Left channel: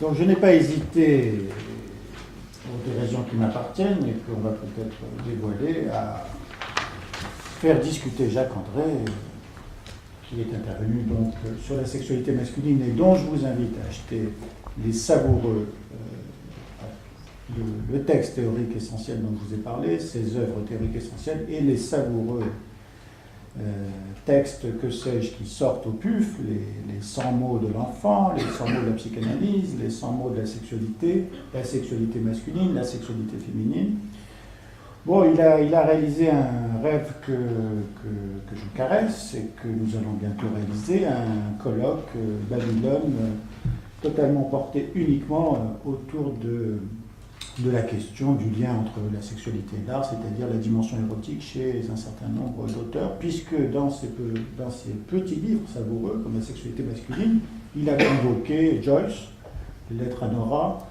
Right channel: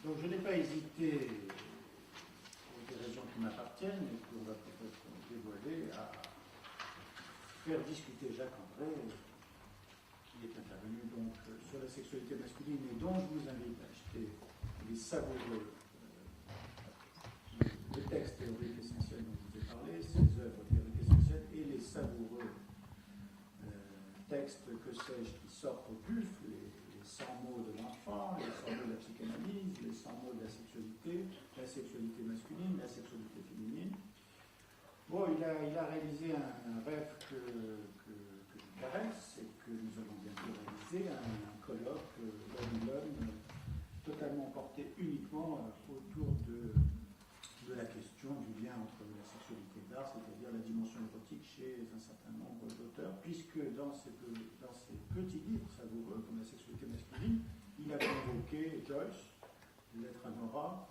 Donc je n'ai pas hésité, pour des raisons qui m'appartiennent et qu'on va peut-être dévoiler, à faire discuter Jacques André, qui est intervenu donc sur la sexualité masculine et dont je vous invite à acheter les savoureux, le texte théorique essentiel dont je vous ai parlé, ses œuvres théoriques essentielles et les savoureux textes, que sais-je, qui sortent au PUF, les 100 mots de l'enfant, les 100 mots de la psychanalyse, les 100 mots de la sexualité masculine, la sexualité féminine. Bon, il a réalisé un rêve que je caresse et que nous allons bientôt réaliser, un colloque Babylone totalement porté uniquement autour de la question du lien entre la sexualité et l'art, c'est-à-dire la dimension érotique chez un certain nombre d'auteurs, puisque dans ces petits livres savoureux, comme la sexualité masculine, il a convoqué Joyce, les lettres à Nora,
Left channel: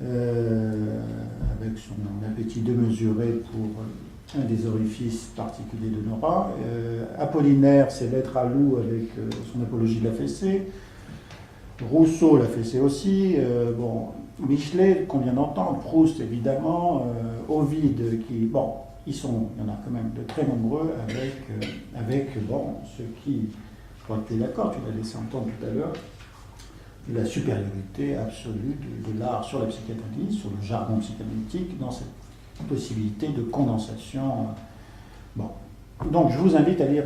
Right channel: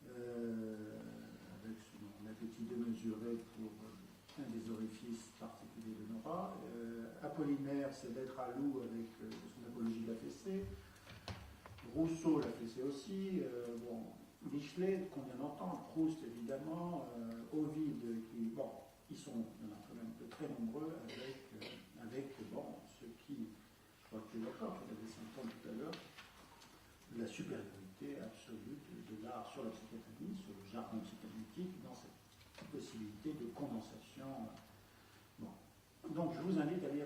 avec son appétit démesuré pour un des orifices particuliers de Nora, Apollinaire, ses lettres à Lou avec son apologie de la fessée, Rousseau l'a fessée aussi, Michelet, qu'on vient d'entendre, Proust évidemment, Ovide, il y en a quand même de très nombreux avec ceux qui, je crois que tu es d'accord, tu l'as laissé entendre tout à l'heure, la supériorité absolue de l'art sur la psychanalyse, sur le jargon psychanalytique, dans cette possibilité de condensation. Donc je vous invite à lire,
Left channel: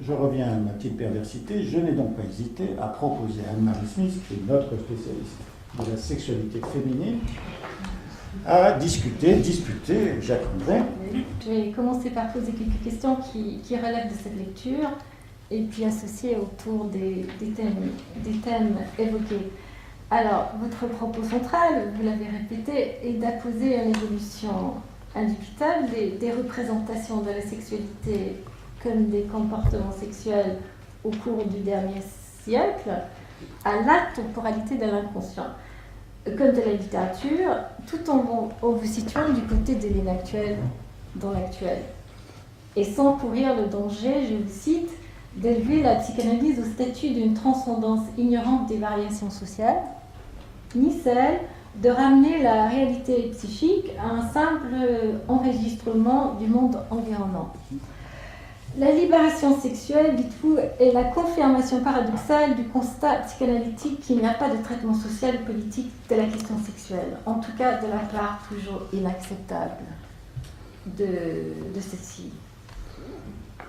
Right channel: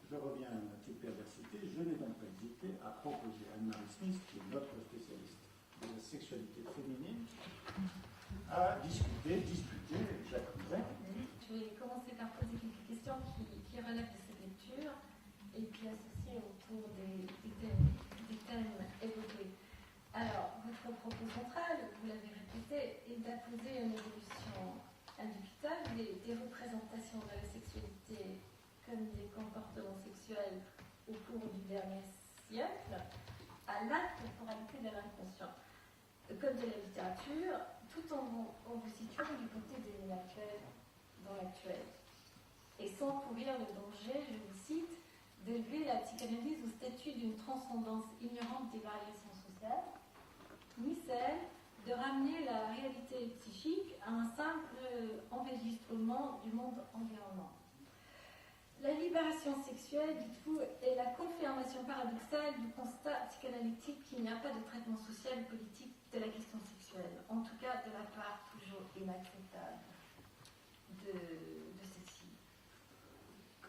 je reviens à ma petite perversité, je n'ai donc pas hésité à proposer à Anne-Marie Smith, qui est notre spécialiste de la sexualité féminine, à disputer Jacques André. Je vais commencer par poser quelques questions qui relèvent de cette lecture et puis associer autour des thèmes évoqués. Alors, votre propos central, vous l'avez répété, est d'apposer une évolution indubitable des représentations de la sexualité comme des comportements sexuels au cours du dernier siècle à la temporalité de l'inconscient, comme de la littérature, tout en vous situant du côté de l'inactuel dans l'actuel. Et sans courir le danger, je vous cite, d'élever la psychanalyse au statut d'une transcendance ignorante des variations sociales, ni celle de ramener la réalité psychique à un simple enregistrement du monde environnant. La libération sexuelle, dites-vous, est la confirmation paradoxale du constat psychanalytique qu'il n'y a pas de traitement social ou politique de la question sexuelle, en tout cas de la part toujours inacceptable de ceci.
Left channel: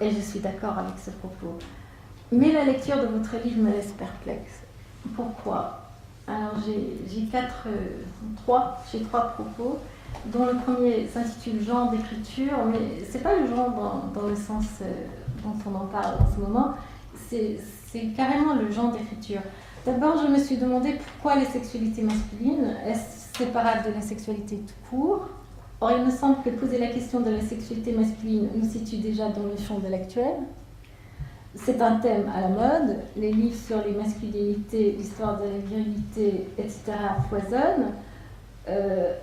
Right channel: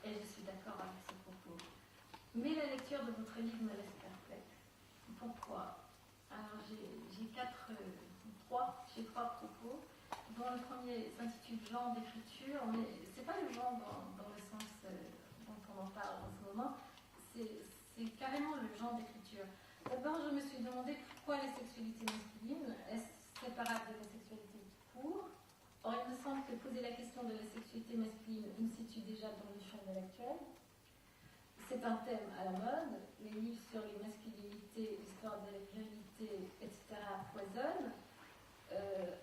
Et je suis d'accord avec ce propos. Mais la lecture de votre livre me laisse perplexe. Pourquoi ? Alors j'ai trois propos, dont le premier s'intitule « Genre d'écriture », mais ce n'est pas le genre dans le sens dont on en parle en ce moment, c'est carrément le genre d'écriture. D'abord, je me suis demandé pourquoi les sexualités masculines est séparables de la sexualité tout court. Or, il me semble que poser la question de la sexualité masculine nous situe déjà dans le champ de l'actuel. C'est un thème à la mode, les livres sur les masculinités, l'histoire de la virilité, etc. foisonnent.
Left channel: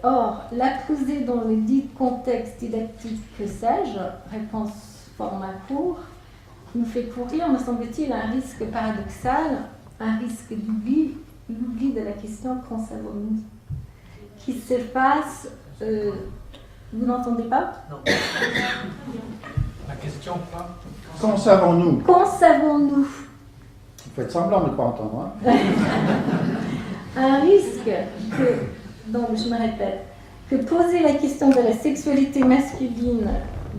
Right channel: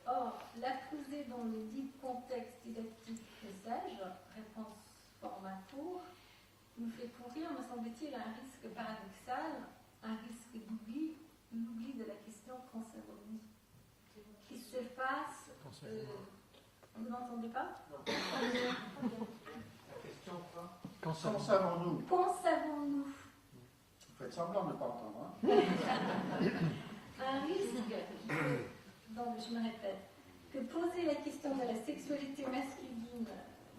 Or, la poser dans le dit contexte didactique que sais-je, réponse format court, nous fait courir, me semble-t-il, un risque paradoxal, un risque d'oubli, l'oubli de la question qu'en savons-nous, qui s'efface. Vous n'entendez pas ? Non. La question quoi ? Qu'en savons-nous ? Qu'en savons-nous ? Vous faites semblant de ne pas entendre. Un risque donc je me répète, que poser la question de la sexualité masculine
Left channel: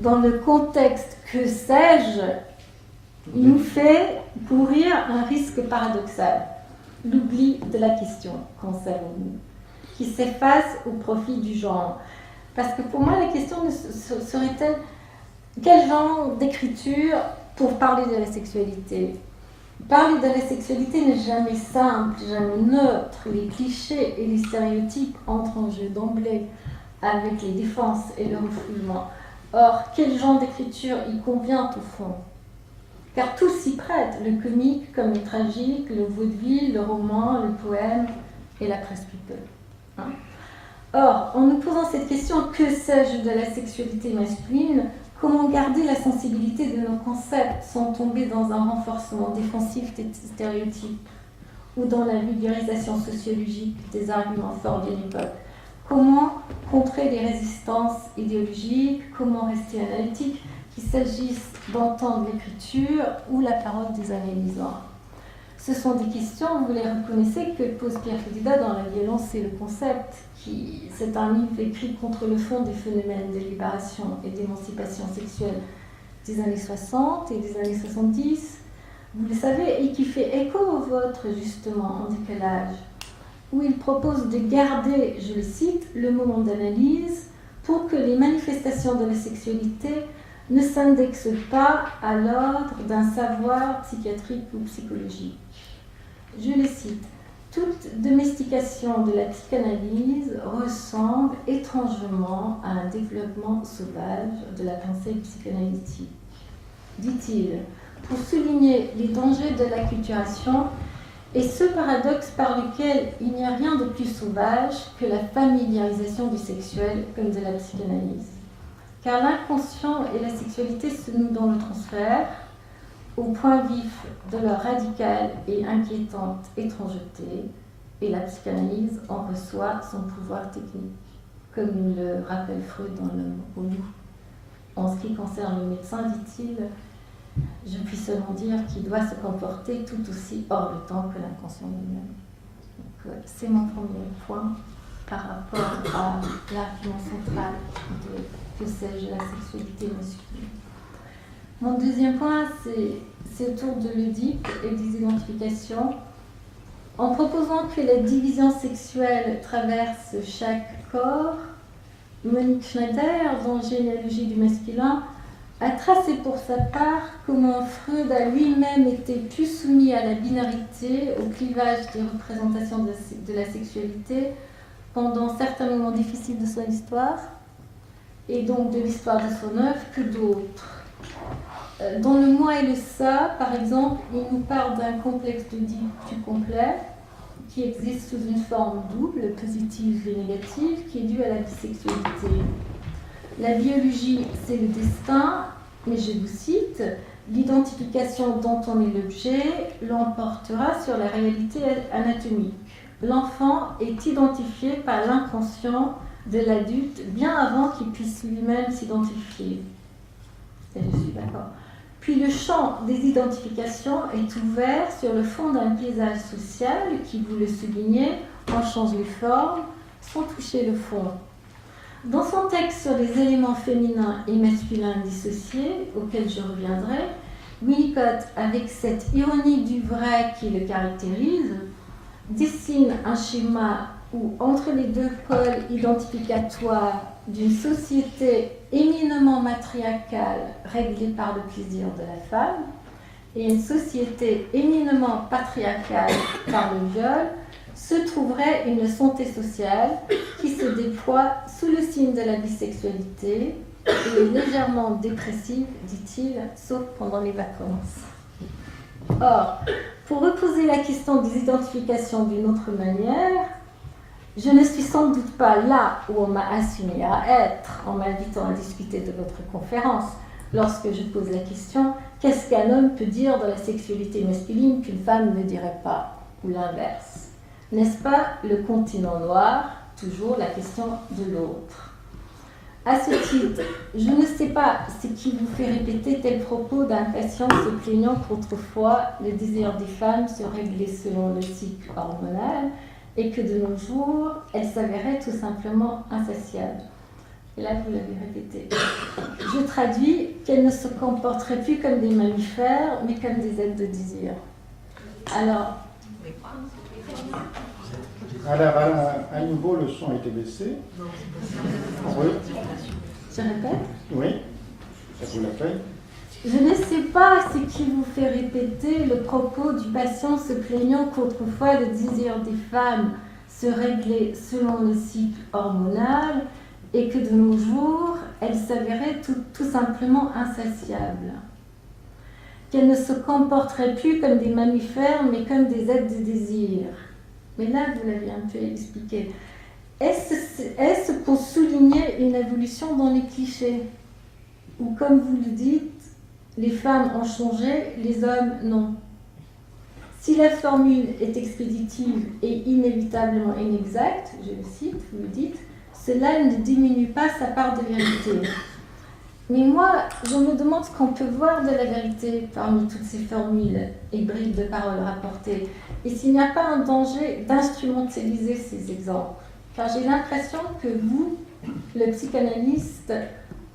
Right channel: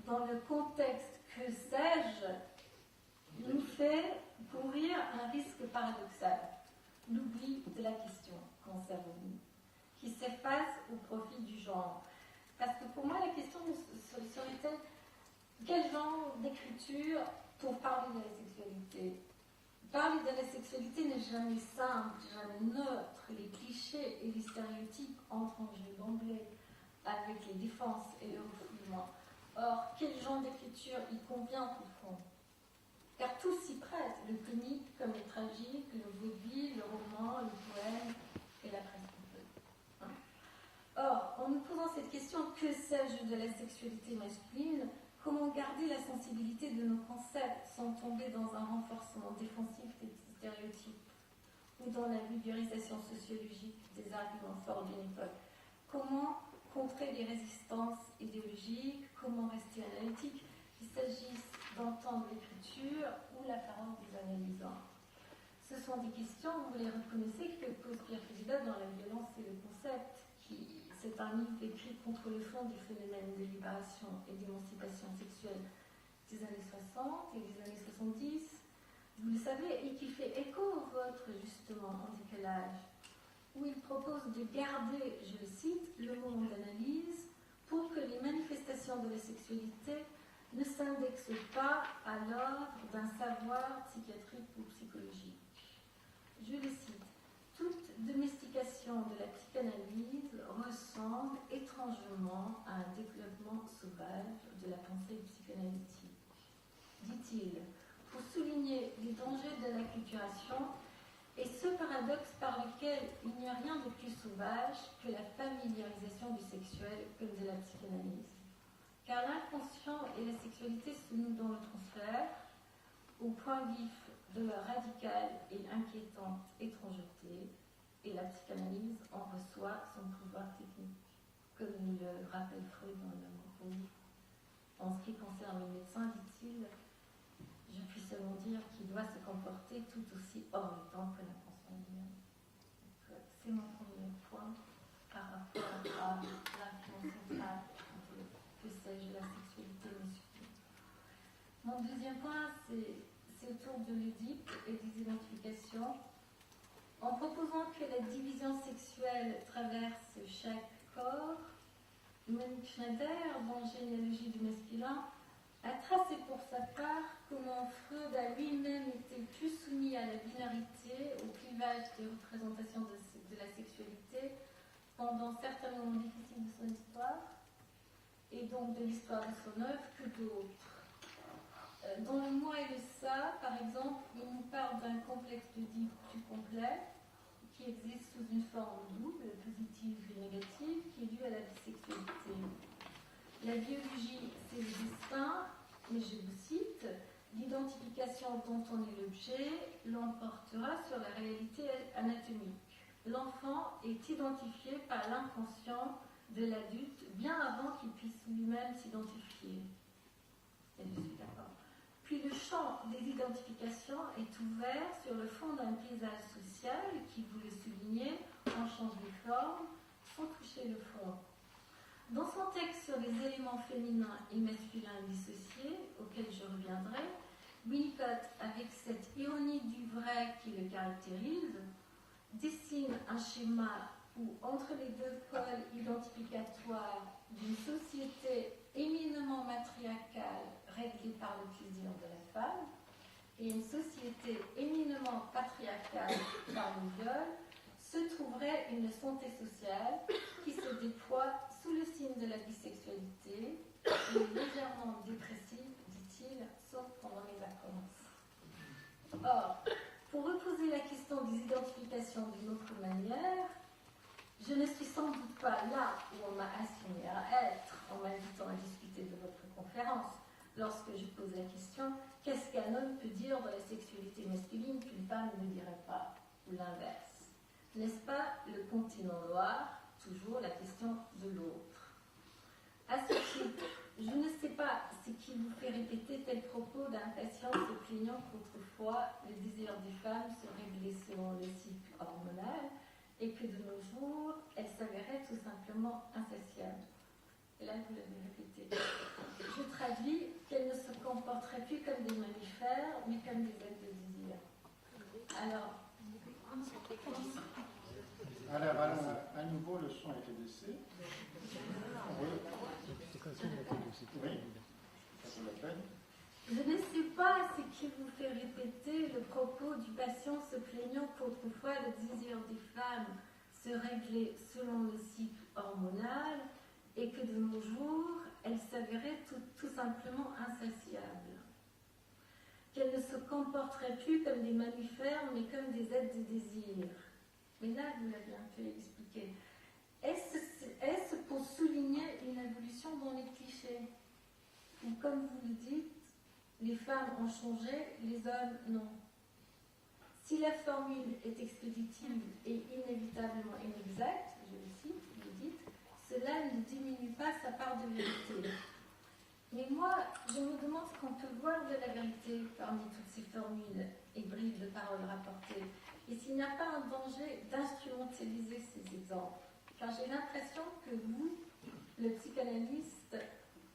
dans le contexte que sais-je nous fait courir un risque paradoxal, l'oubli de la question, qu'en savons-nous, qui s'efface au profit du genre. Parce que pour moi, la question serait-elle quel genre d'écriture pour parler de la sexualité ? Parler de la sexualité n'est jamais simple, jamais neutre. Les clichés et les stéréotypes entrent en jeu d'emblée avec les défenses et le refoulement. Or, quel genre d'écriture y convient au fond ? Car tout s'y prête, le comique comme le tragique, le vaudeville, le roman, le poème et la presse people. Or, en nous posant cette question, que sais-je de la sexualité masculine ? Comment garder la sensibilité de nos concepts sans tomber dans un renforcement défensif des stéréotypes ? ou dans la vulgarisation sociologique des arguments forts d'une époque. Comment contrer les résistances idéologiques, comment rester analytique, qu'il s'agisse d'entendre l'écriture ou la parole des analysants. Ce sont des questions, vous les reconnaissez, que pose Pierre Fodida dans La violence et le concept. C'est un livre écrit contre le fond des phénomènes de libération et d'émancipation sexuelle des années 60 et des années 70, vous le savez, et qui fait écho au vôtre, justement, en décalage, où il propose de garder, je le cite, le moment d'analyse pour que les manifestations de la sexualité ne s'indexent pas à l'ordre d'un savoir psychiatrique ou psychologique. Je le cite, toute domestication de la psychanalyse ressemble étrangement à un développement sauvage de la pensée psychanalytique. Dit-il, pour souligner les dangers de l'acculturation et ce paradoxe par lequel il n'y a rien de plus sauvage que la familiarisation du sexuel comme de la psychanalyse. Car l'inconscient et la sexualité se nouent dans le transfert, au point vif de leur radicale et inquiétante étrangeté, et la psychanalyse en reçoit son pouvoir technique, comme il le rappelle Freud dans L'homme au loup. En ce qui concerne le médecin, dit-il, je puis seulement dire qu'il doit se comporter tout aussi hors de temps que l'inconscient lui-même. Donc, c'est mon premier point par rapport à l'argument central de que sais-je, la sexualité masculine. Mon deuxième point, c'est autour de l'Oedipe et des identifications. En proposant que la division sexuelle traverse chaque corps, Monique Schneider, dans Généalogie du masculin, a tracé pour sa part comment Freud a lui-même été plus soumis à la binarité, au clivage des représentations de la sexualité pendant certains moments difficiles de son histoire, et donc de l'histoire de son œuvre, que d'autres. Dans Le moi et le ça, par exemple, il nous parle d'un complexe d'Oedipe plus complet, qui existe sous une forme double, positive et négative, qui est due à la bisexualité. La biologie, c'est le destin, mais je vous cite, l'identification dont on est l'objet l'emportera sur la réalité anatomique. L'enfant est identifié par l'inconscient de l'adulte bien avant qu'il puisse lui-même s'identifier. Et je suis d'accord. Puis le champ des identifications est ouvert sur le fond d'un paysage social qui, vous le soulignez, en change les formes sans toucher le fond. Dans son texte sur les éléments féminins et masculins dissociés, auxquels je reviendrai, Winnicott, avec cette ironie du vrai qui le caractérise, dessine un schéma où, entre les deux pôles identificatoires d'une société éminemment matriarcale réglée par le plaisir de la femme et une société éminemment patriarcale par le viol, se trouverait une santé sociale qui se déploie sous le signe de la bisexualité et est légèrement dépressive, dit-il, sauf pendant les vacances. Or, pour reposer la question des identifications d'une autre manière, je ne suis sans doute pas là où on m'a assigné à être en m'invitant à discuter de votre conférence lorsque je pose la question « Qu'est-ce qu'un homme peut dire de la sexualité masculine qu'une femme ne dirait pas ?» ou l'inverse. N'est-ce pas le continent noir, toujours la question de l'autre? À ce titre, je ne sais pas ce qui vous fait répéter tel propos d'un patient se plaignant qu'autrefois le désir des femmes se réglait selon le cycle hormonal et que de nos jours, elle s'avérait tout simplement insatiable. Et là, vous l'avez répété. Je traduis qu'elle ne se comporterait plus comme des mammifères, mais comme des êtres de désir. Alors, à nouveau, le son a été baissé. Oui. Je répète. Oui, ça vous l'a fait. Je ne sais pas ce qui vous fait répéter le propos du patient se plaignant qu'autrefois le désir des femmes se réglait selon le cycle hormonal et que de nos jours, elle s'avérait tout simplement insatiable. Qu'elle ne se comporterait plus comme des mammifères, mais comme des êtres de désir. Mais là, vous l'avez un peu expliqué. Est-ce pour souligner une évolution dans les clichés? Ou comme vous le dites, les femmes ont changé, les hommes non. Si la formule est expéditive et inévitablement inexacte, je le cite, vous le dites, cela ne diminue pas sa part de vérité. Mais moi, je me demande ce qu'on peut voir de la vérité parmi toutes ces formules et bribes de paroles rapportées, et s'il n'y a pas un danger d'instrumentaliser ces exemples. Car j'ai l'impression que vous, le psychanalyste,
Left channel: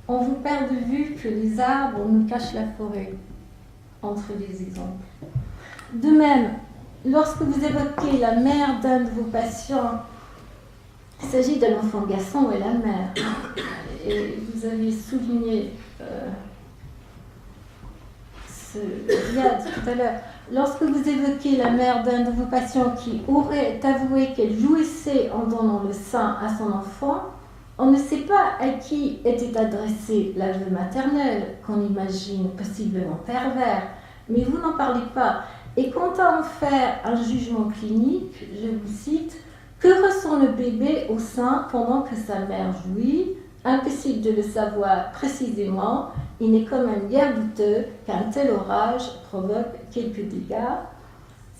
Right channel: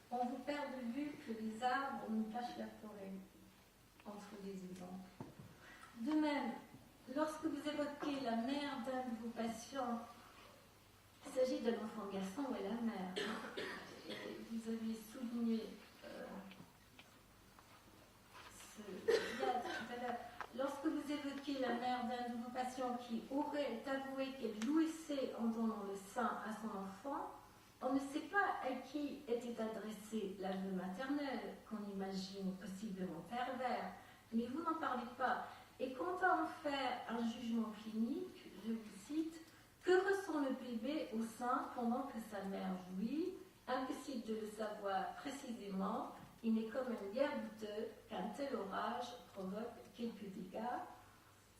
on vous perd de vue que les arbres nous cachent la forêt entre les exemples. De même, lorsque vous évoquez la mère d'un de vos patients, il s'agit d'un enfant garçon et la mère. Et vous avez souligné Riyad tout à l'heure. Lorsque vous évoquez la mère d'un de vos patients qui aurait avoué qu'elle jouissait en donnant le sein à son enfant, on ne sait pas à qui était adressé l'aveu maternel, qu'on imagine possiblement pervers, mais vous n'en parlez pas. Et quant à en faire un jugement clinique, je vous cite, « Que ressent le bébé au sein pendant que sa mère jouit ? Impossible de le savoir précisément, il n'est quand même guère douteux qu'un tel orage provoque quelques dégâts. »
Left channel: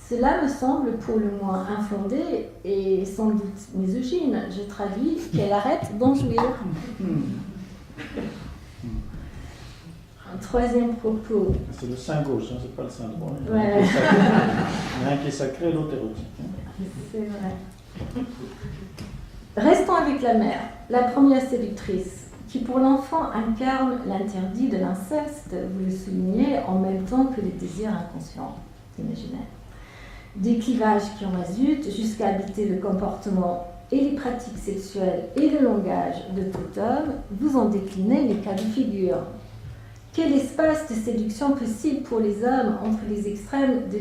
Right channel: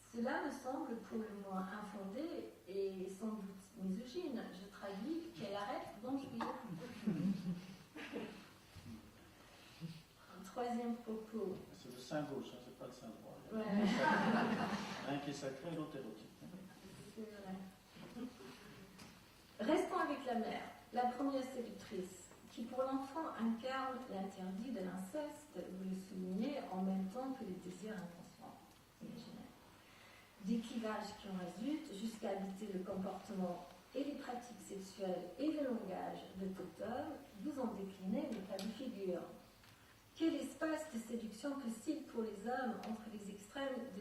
Cela me semble pour le moins infondé et sans doute misogyne. Je traduis qu'elle arrête d'en jouir. Un troisième propos. C'est le sein gauche, hein, c'est pas le sein droit. Ouais. Il y en a un qui est sacré et l'autre érotique. C'est vrai. Restons avec la mère, la première séductrice, qui pour l'enfant incarne l'interdit de l'inceste, vous le soulignez, en même temps que les désirs inconscients, imaginaires. Des clivages qui en résultent jusqu'à habiter le comportement et les pratiques sexuelles et le langage de tout homme, vous en déclinez les cas de figure. Quel espace de séduction possible pour les hommes entre les extrêmes de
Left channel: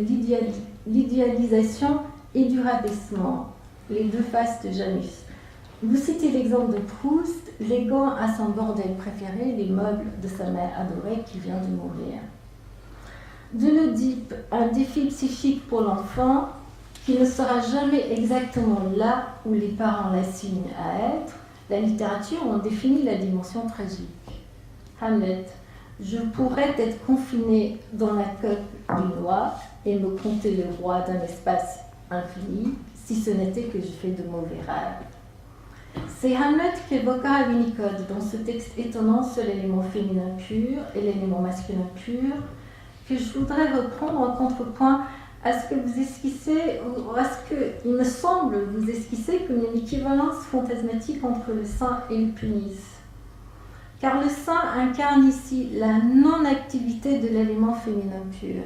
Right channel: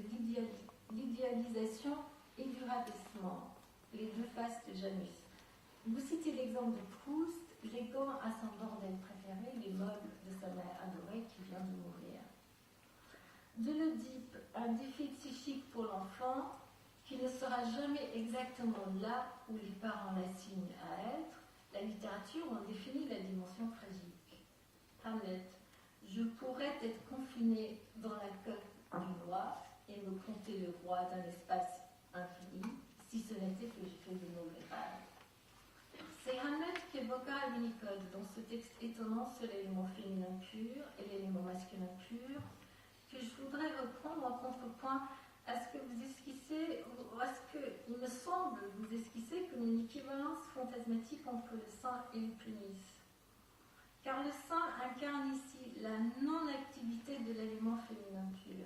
l'idéalisation et du rabaissement, les deux faces de Janus. Vous citez l'exemple de Proust, léguant à son bordel préféré les meubles de sa mère adorée qui vient de mourir. De l'Oedipe, un défi psychique pour l'enfant qui ne sera jamais exactement là où les parents l'assignent à être, la littérature en définit la dimension tragique. Hamlet, je pourrais être confiné dans la coque du noix et me compter le roi d'un espace infini, si ce n'était que je fais de mauvais rêves. C'est Hamlet qu'évoquera Winnicott dans ce texte étonnant sur l'élément féminin pur et l'élément masculin pur, que je voudrais reprendre en contrepoint à ce que vous esquissez, ou à ce qu'il me semble vous esquisser comme une équivalence fantasmatique entre le sein et le pénis. Car le sein incarne ici la non-activité de l'élément féminin pur.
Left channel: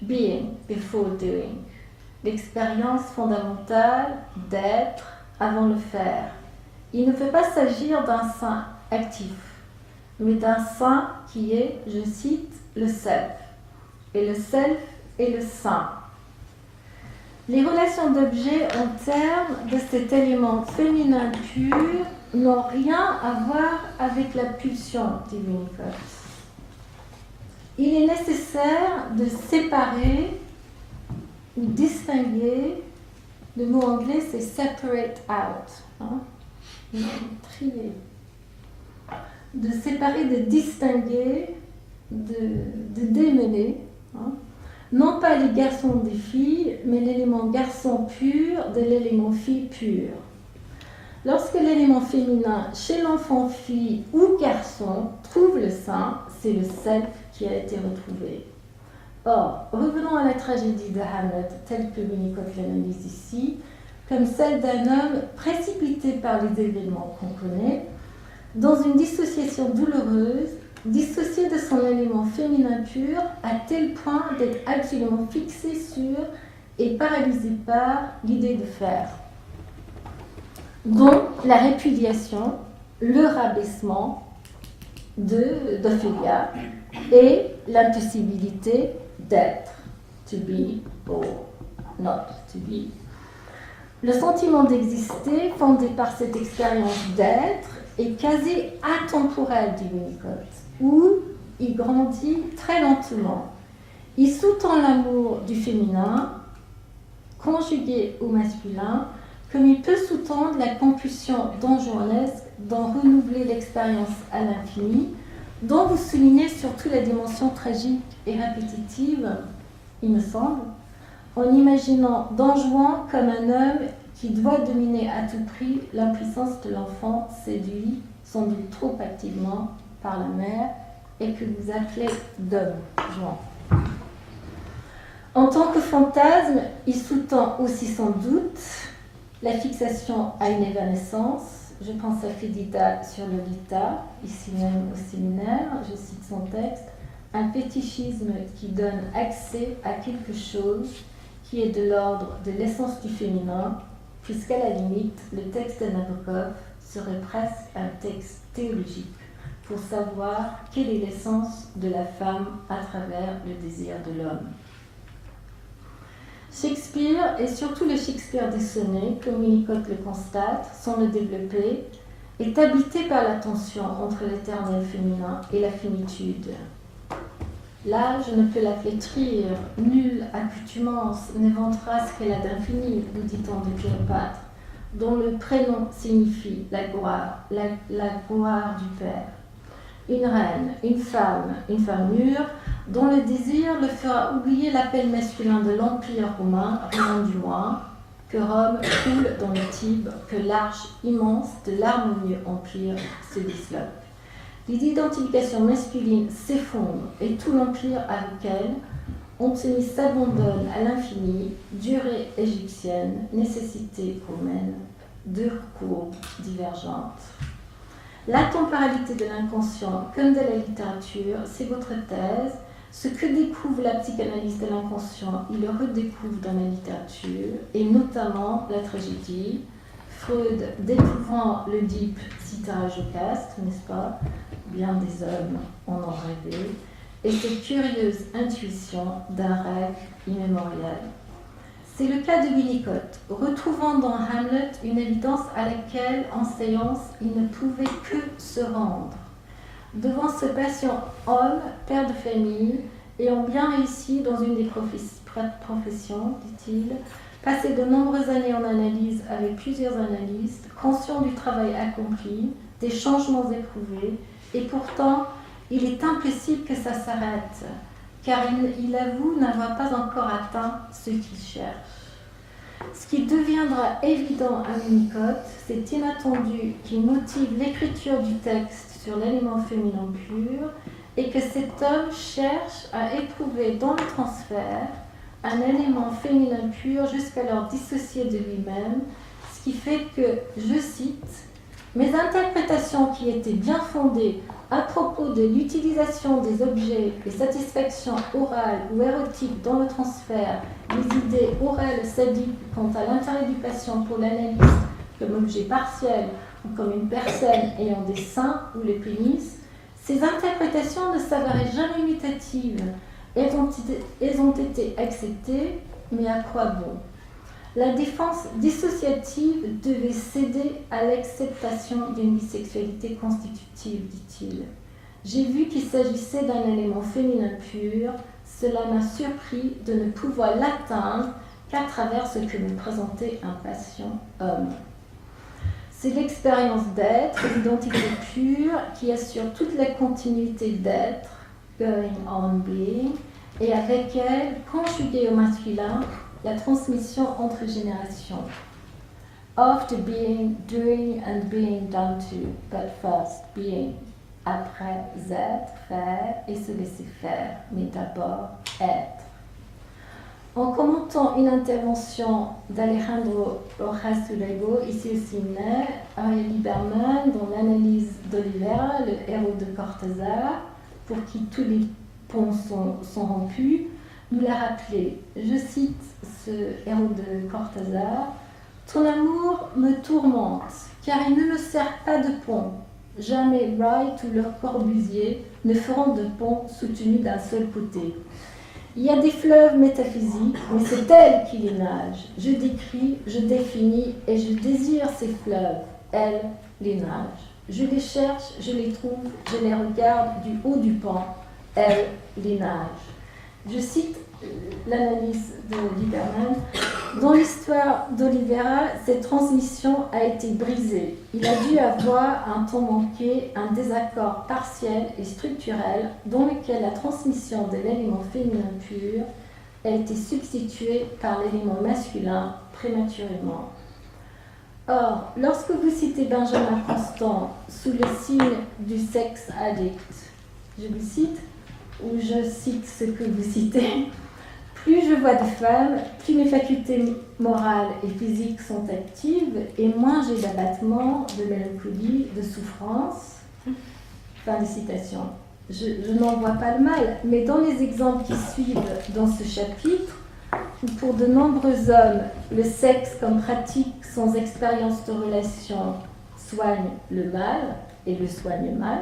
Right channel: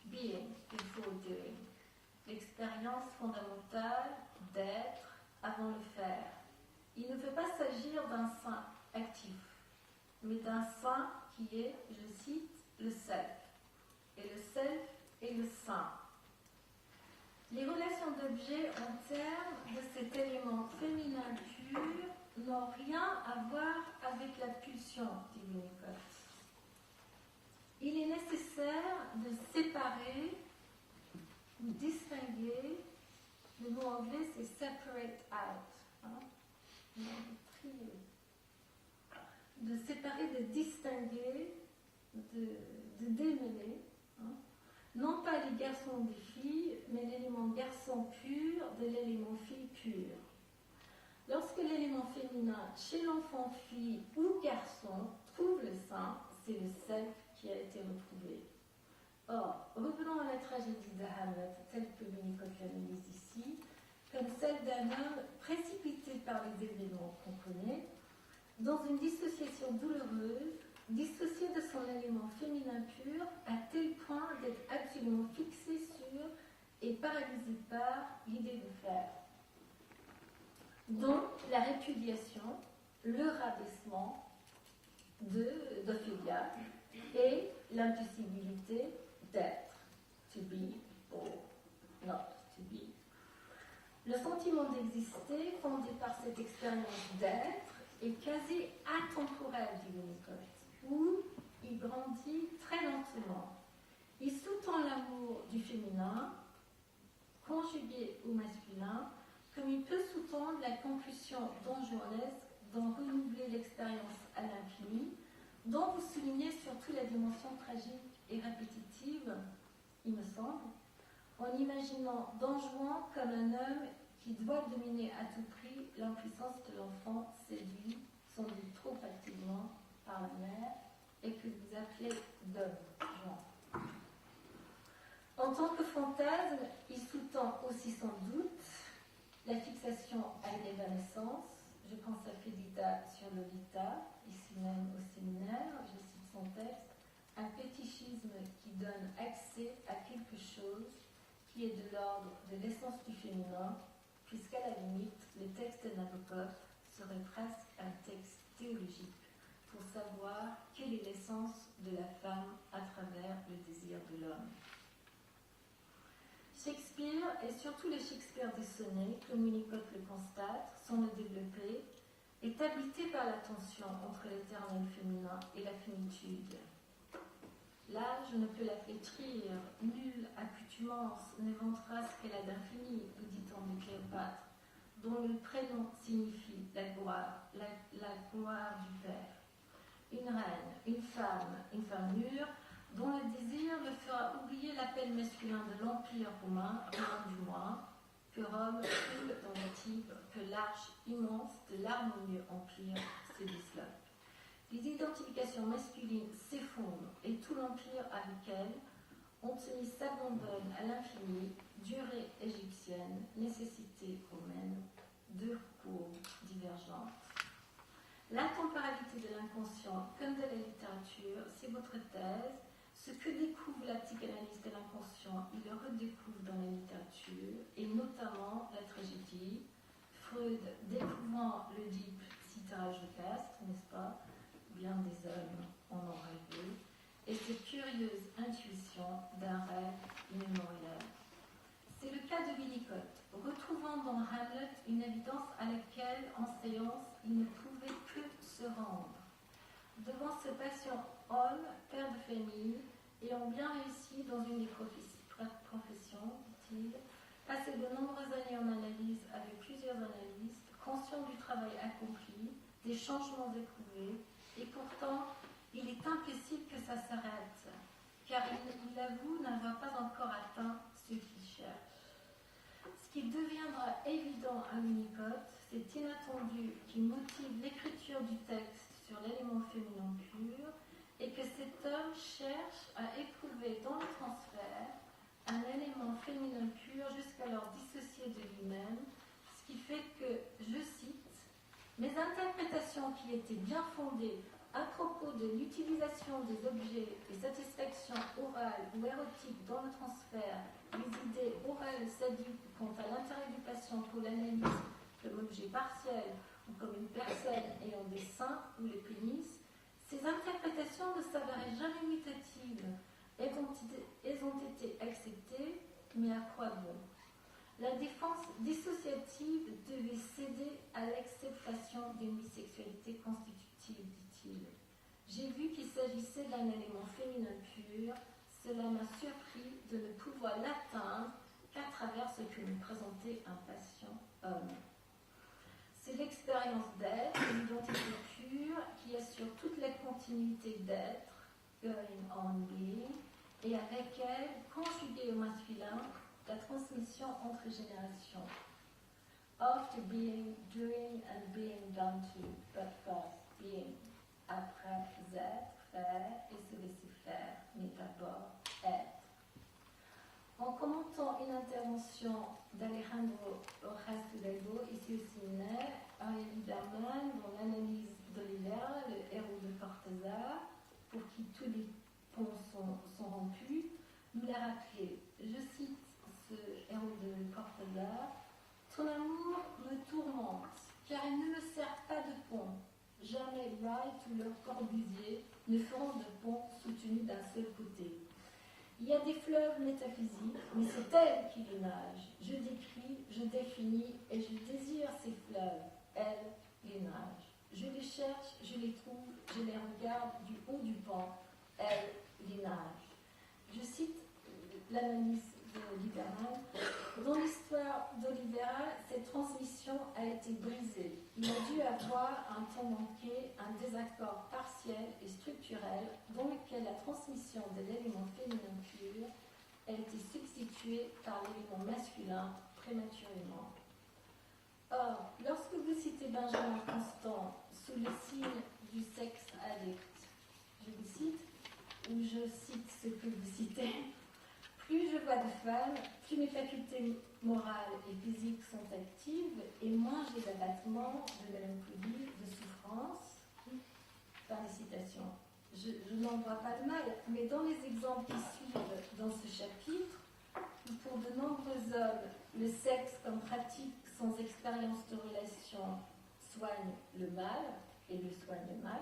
Being before doing. L'expérience fondamentale d'être avant le faire. Il ne peut pas s'agir d'un sein actif, mais d'un sein qui est, je cite, le self. Et le self est le sein. Les relations d'objets en termes de cet élément féminin pur n'ont rien à voir avec la pulsion, dit Winnicott. Il est nécessaire de séparer ou distinguer, le mot anglais c'est separate out, hein? Trier. De séparer, de distinguer, de démêler, hein? Non pas les garçons des filles, mais l'élément garçon pur de l'élément fille pur. Lorsque l'élément féminin chez l'enfant-fille ou garçon trouve le sein, c'est le self qui a été retrouvé. Or, revenons à la tragédie de Hamlet, telle que Winnicott l'analyse ici, comme celle d'un homme précipité par les événements qu'on connaît, dans une dissociation douloureuse, dissocié de son élément féminin pur, à tel point d'être absolument fixé sur et paralysé par l'idée de faire, dont la répudiation, le rabaissement d'Ophélia et l'impossibilité d'être, to be or not to be. Le sentiment d'exister, fondé par cette expérience d'être, est quasi atemporel, dit Winnicott, où il grandit très lentement. Il sous-tend l'amour du féminin, conjugué au masculin, comme il peut sous-tendre la compulsion donjuanesque d'en renouveler l'expérience à l'infini, dont vous soulignez surtout la dimension tragique et répétitive, il me semble, en imaginant Don Juan comme un homme qui doit dominer à tout prix l'impuissance de l'enfant séduit, sans doute trop activement, par la mère, et que vous appelez Don Juan. En tant que fantasme, il sous-tend aussi sans doute la fixation à une évanescence. Je pense à Fédida sur Lolita, ici même au séminaire, je cite son texte, un fétichisme qui donne accès à quelque chose qui est de l'ordre de l'essence du féminin, puisqu'à la limite, le texte de Nabokov serait presque un texte théologique pour savoir quelle est l'essence de la femme à travers le désir de l'homme. Shakespeare, et surtout le Shakespeare des sonnets, comme Winnicott le constate, sans le développer, est habité par la tension entre l'éternel féminin et la finitude. Là, je ne peux la flétrir, nulle accoutumance n'éventera ce qu'elle a d'infini, nous dit-on de Cléopâtre, dont le prénom signifie la gloire du Père. Une reine, une femme mûre, dont le désir le fera oublier l'appel masculin de l'Empire romain, rien du moins, que Rome coule dans le Tibre, que l'arche immense de l'harmonieux empire se disloque. L'identification masculine s'effondre et tout l'empire avec elle, Antony s'abandonne à l'infini, durée égyptienne, nécessité romaine, deux courbes divergentes. La temporalité de l'inconscient comme de la littérature, c'est votre thèse. Ce que découvre la psychanalyse de l'inconscient, il le redécouvre dans la littérature, et notamment la tragédie. Freud, découvrant l'Oedipe, cita Jocaste, n'est-ce pas? Bien des hommes en ont rêvé, et cette curieuse intuition d'un rêve immémorial. C'est le cas de Winnicott, retrouvant dans Hamlet une évidence à laquelle, en séance, il ne pouvait que se rendre. Devant ce patient homme, père de famille, ayant bien réussi dans une des professions, dit-il, passé de nombreuses années en analyse avec plusieurs analystes, conscient du travail accompli, des changements éprouvés, et pourtant, il est impossible que ça s'arrête, car il avoue n'avoir pas encore atteint ce qu'il cherche. Ce qui deviendra évident à Winnicott, c'est inattendu qui motive l'écriture du texte sur l'élément féminin pur, et que cet homme cherche à éprouver dans le transfert un élément féminin pur jusqu'alors dissocié de lui-même, ce qui fait que, je cite, « Mes interprétations qui étaient bien fondées à propos de l'utilisation des objets, des satisfactions orales ou érotiques dans le transfert, les idées orales sadiques quant à l'intérêt du patient pour l'analyse comme objet partiel ou comme une personne ayant des seins ou le pénis, ces interprétations ne s'avéraient jamais imitatives. Elles ont été acceptées, mais à quoi bon? La défense dissociative devait céder à l'acceptation d'une bisexualité constitutive, dit-il. J'ai vu qu'il s'agissait d'un élément féminin pur, cela m'a surpris de ne pouvoir l'atteindre qu'à travers ce que me présentait un patient homme. C'est l'expérience d'être, l'identité pure, qui assure toute la continuité d'être, going on being, et avec elle, conjuguée au masculin, la transmission entre générations. After being, doing and being done to, but first being. Après être, faire et se laisser faire, mais d'abord être. En commentant une intervention d'Alejandro Rojas Urego, ici au séminaire, Ariel Lieberman, dans l'analyse d'Olivera, le héros de Cortázar, pour qui tous les ponts sont rompus, nous l'a rappelé. Je cite ce héros de Cortázar, « Ton amour me tourmente, car il ne me sert pas de pont. Jamais Wright ou Le Corbusier ne feront de pont soutenu d'un seul côté. Il y a des fleuves métaphysiques, mais c'est elle qui les nage. Je décris, je définis et je désire ces fleuves. Elle les nage. Je les cherche, je les trouve, je les regarde du haut du pont. Elle les nage. » Je cite l'analyse de Lieberman. Dans l'histoire d'Olivera, cette transmission a été brisée. Il a dû avoir un temps manqué, un désaccord partiel et structurel dans lequel la transmission de l'élément féminin pur a été substituée par l'élément masculin prématurément. Or, lorsque vous citez Benjamin Constant sous le signe du sexe addict, je vous cite, ou je cite ce que vous citez, plus je vois de femmes, plus mes facultés morales et physiques sont actives et moins j'ai d'abattement, de mélancolie, de souffrance. Fin de citation. Je n'en vois pas le mal, mais dans les exemples qui suivent dans ce chapitre, où pour de nombreux hommes, le sexe comme pratique sans expérience de relation soigne le mal et le soigne mal,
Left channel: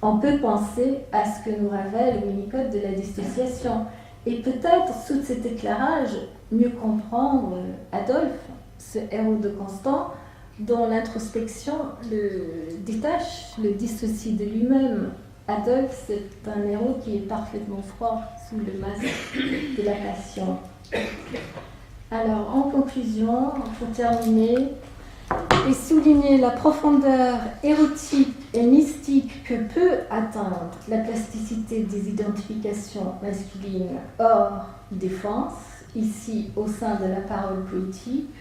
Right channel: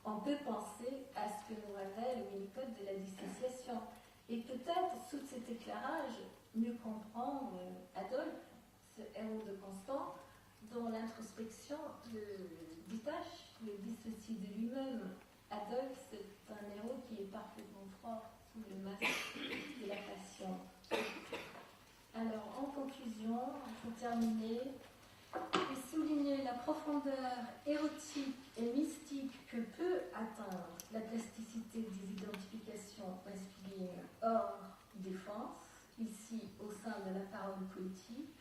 on peut penser à ce que nous révèle Winnicott de la dissociation. Et peut-être, sous cet éclairage, mieux comprendre Adolphe, ce héros de Constant, dont l'introspection le détache, le dissocie de lui-même. Adolphe, c'est un héros qui est parfaitement froid sous le masque de la passion. Alors, en conclusion, pour terminer, et souligner la profondeur érotique et mystique que peut atteindre la plasticité des identifications masculines hors défense, ici au sein de la parole poétique,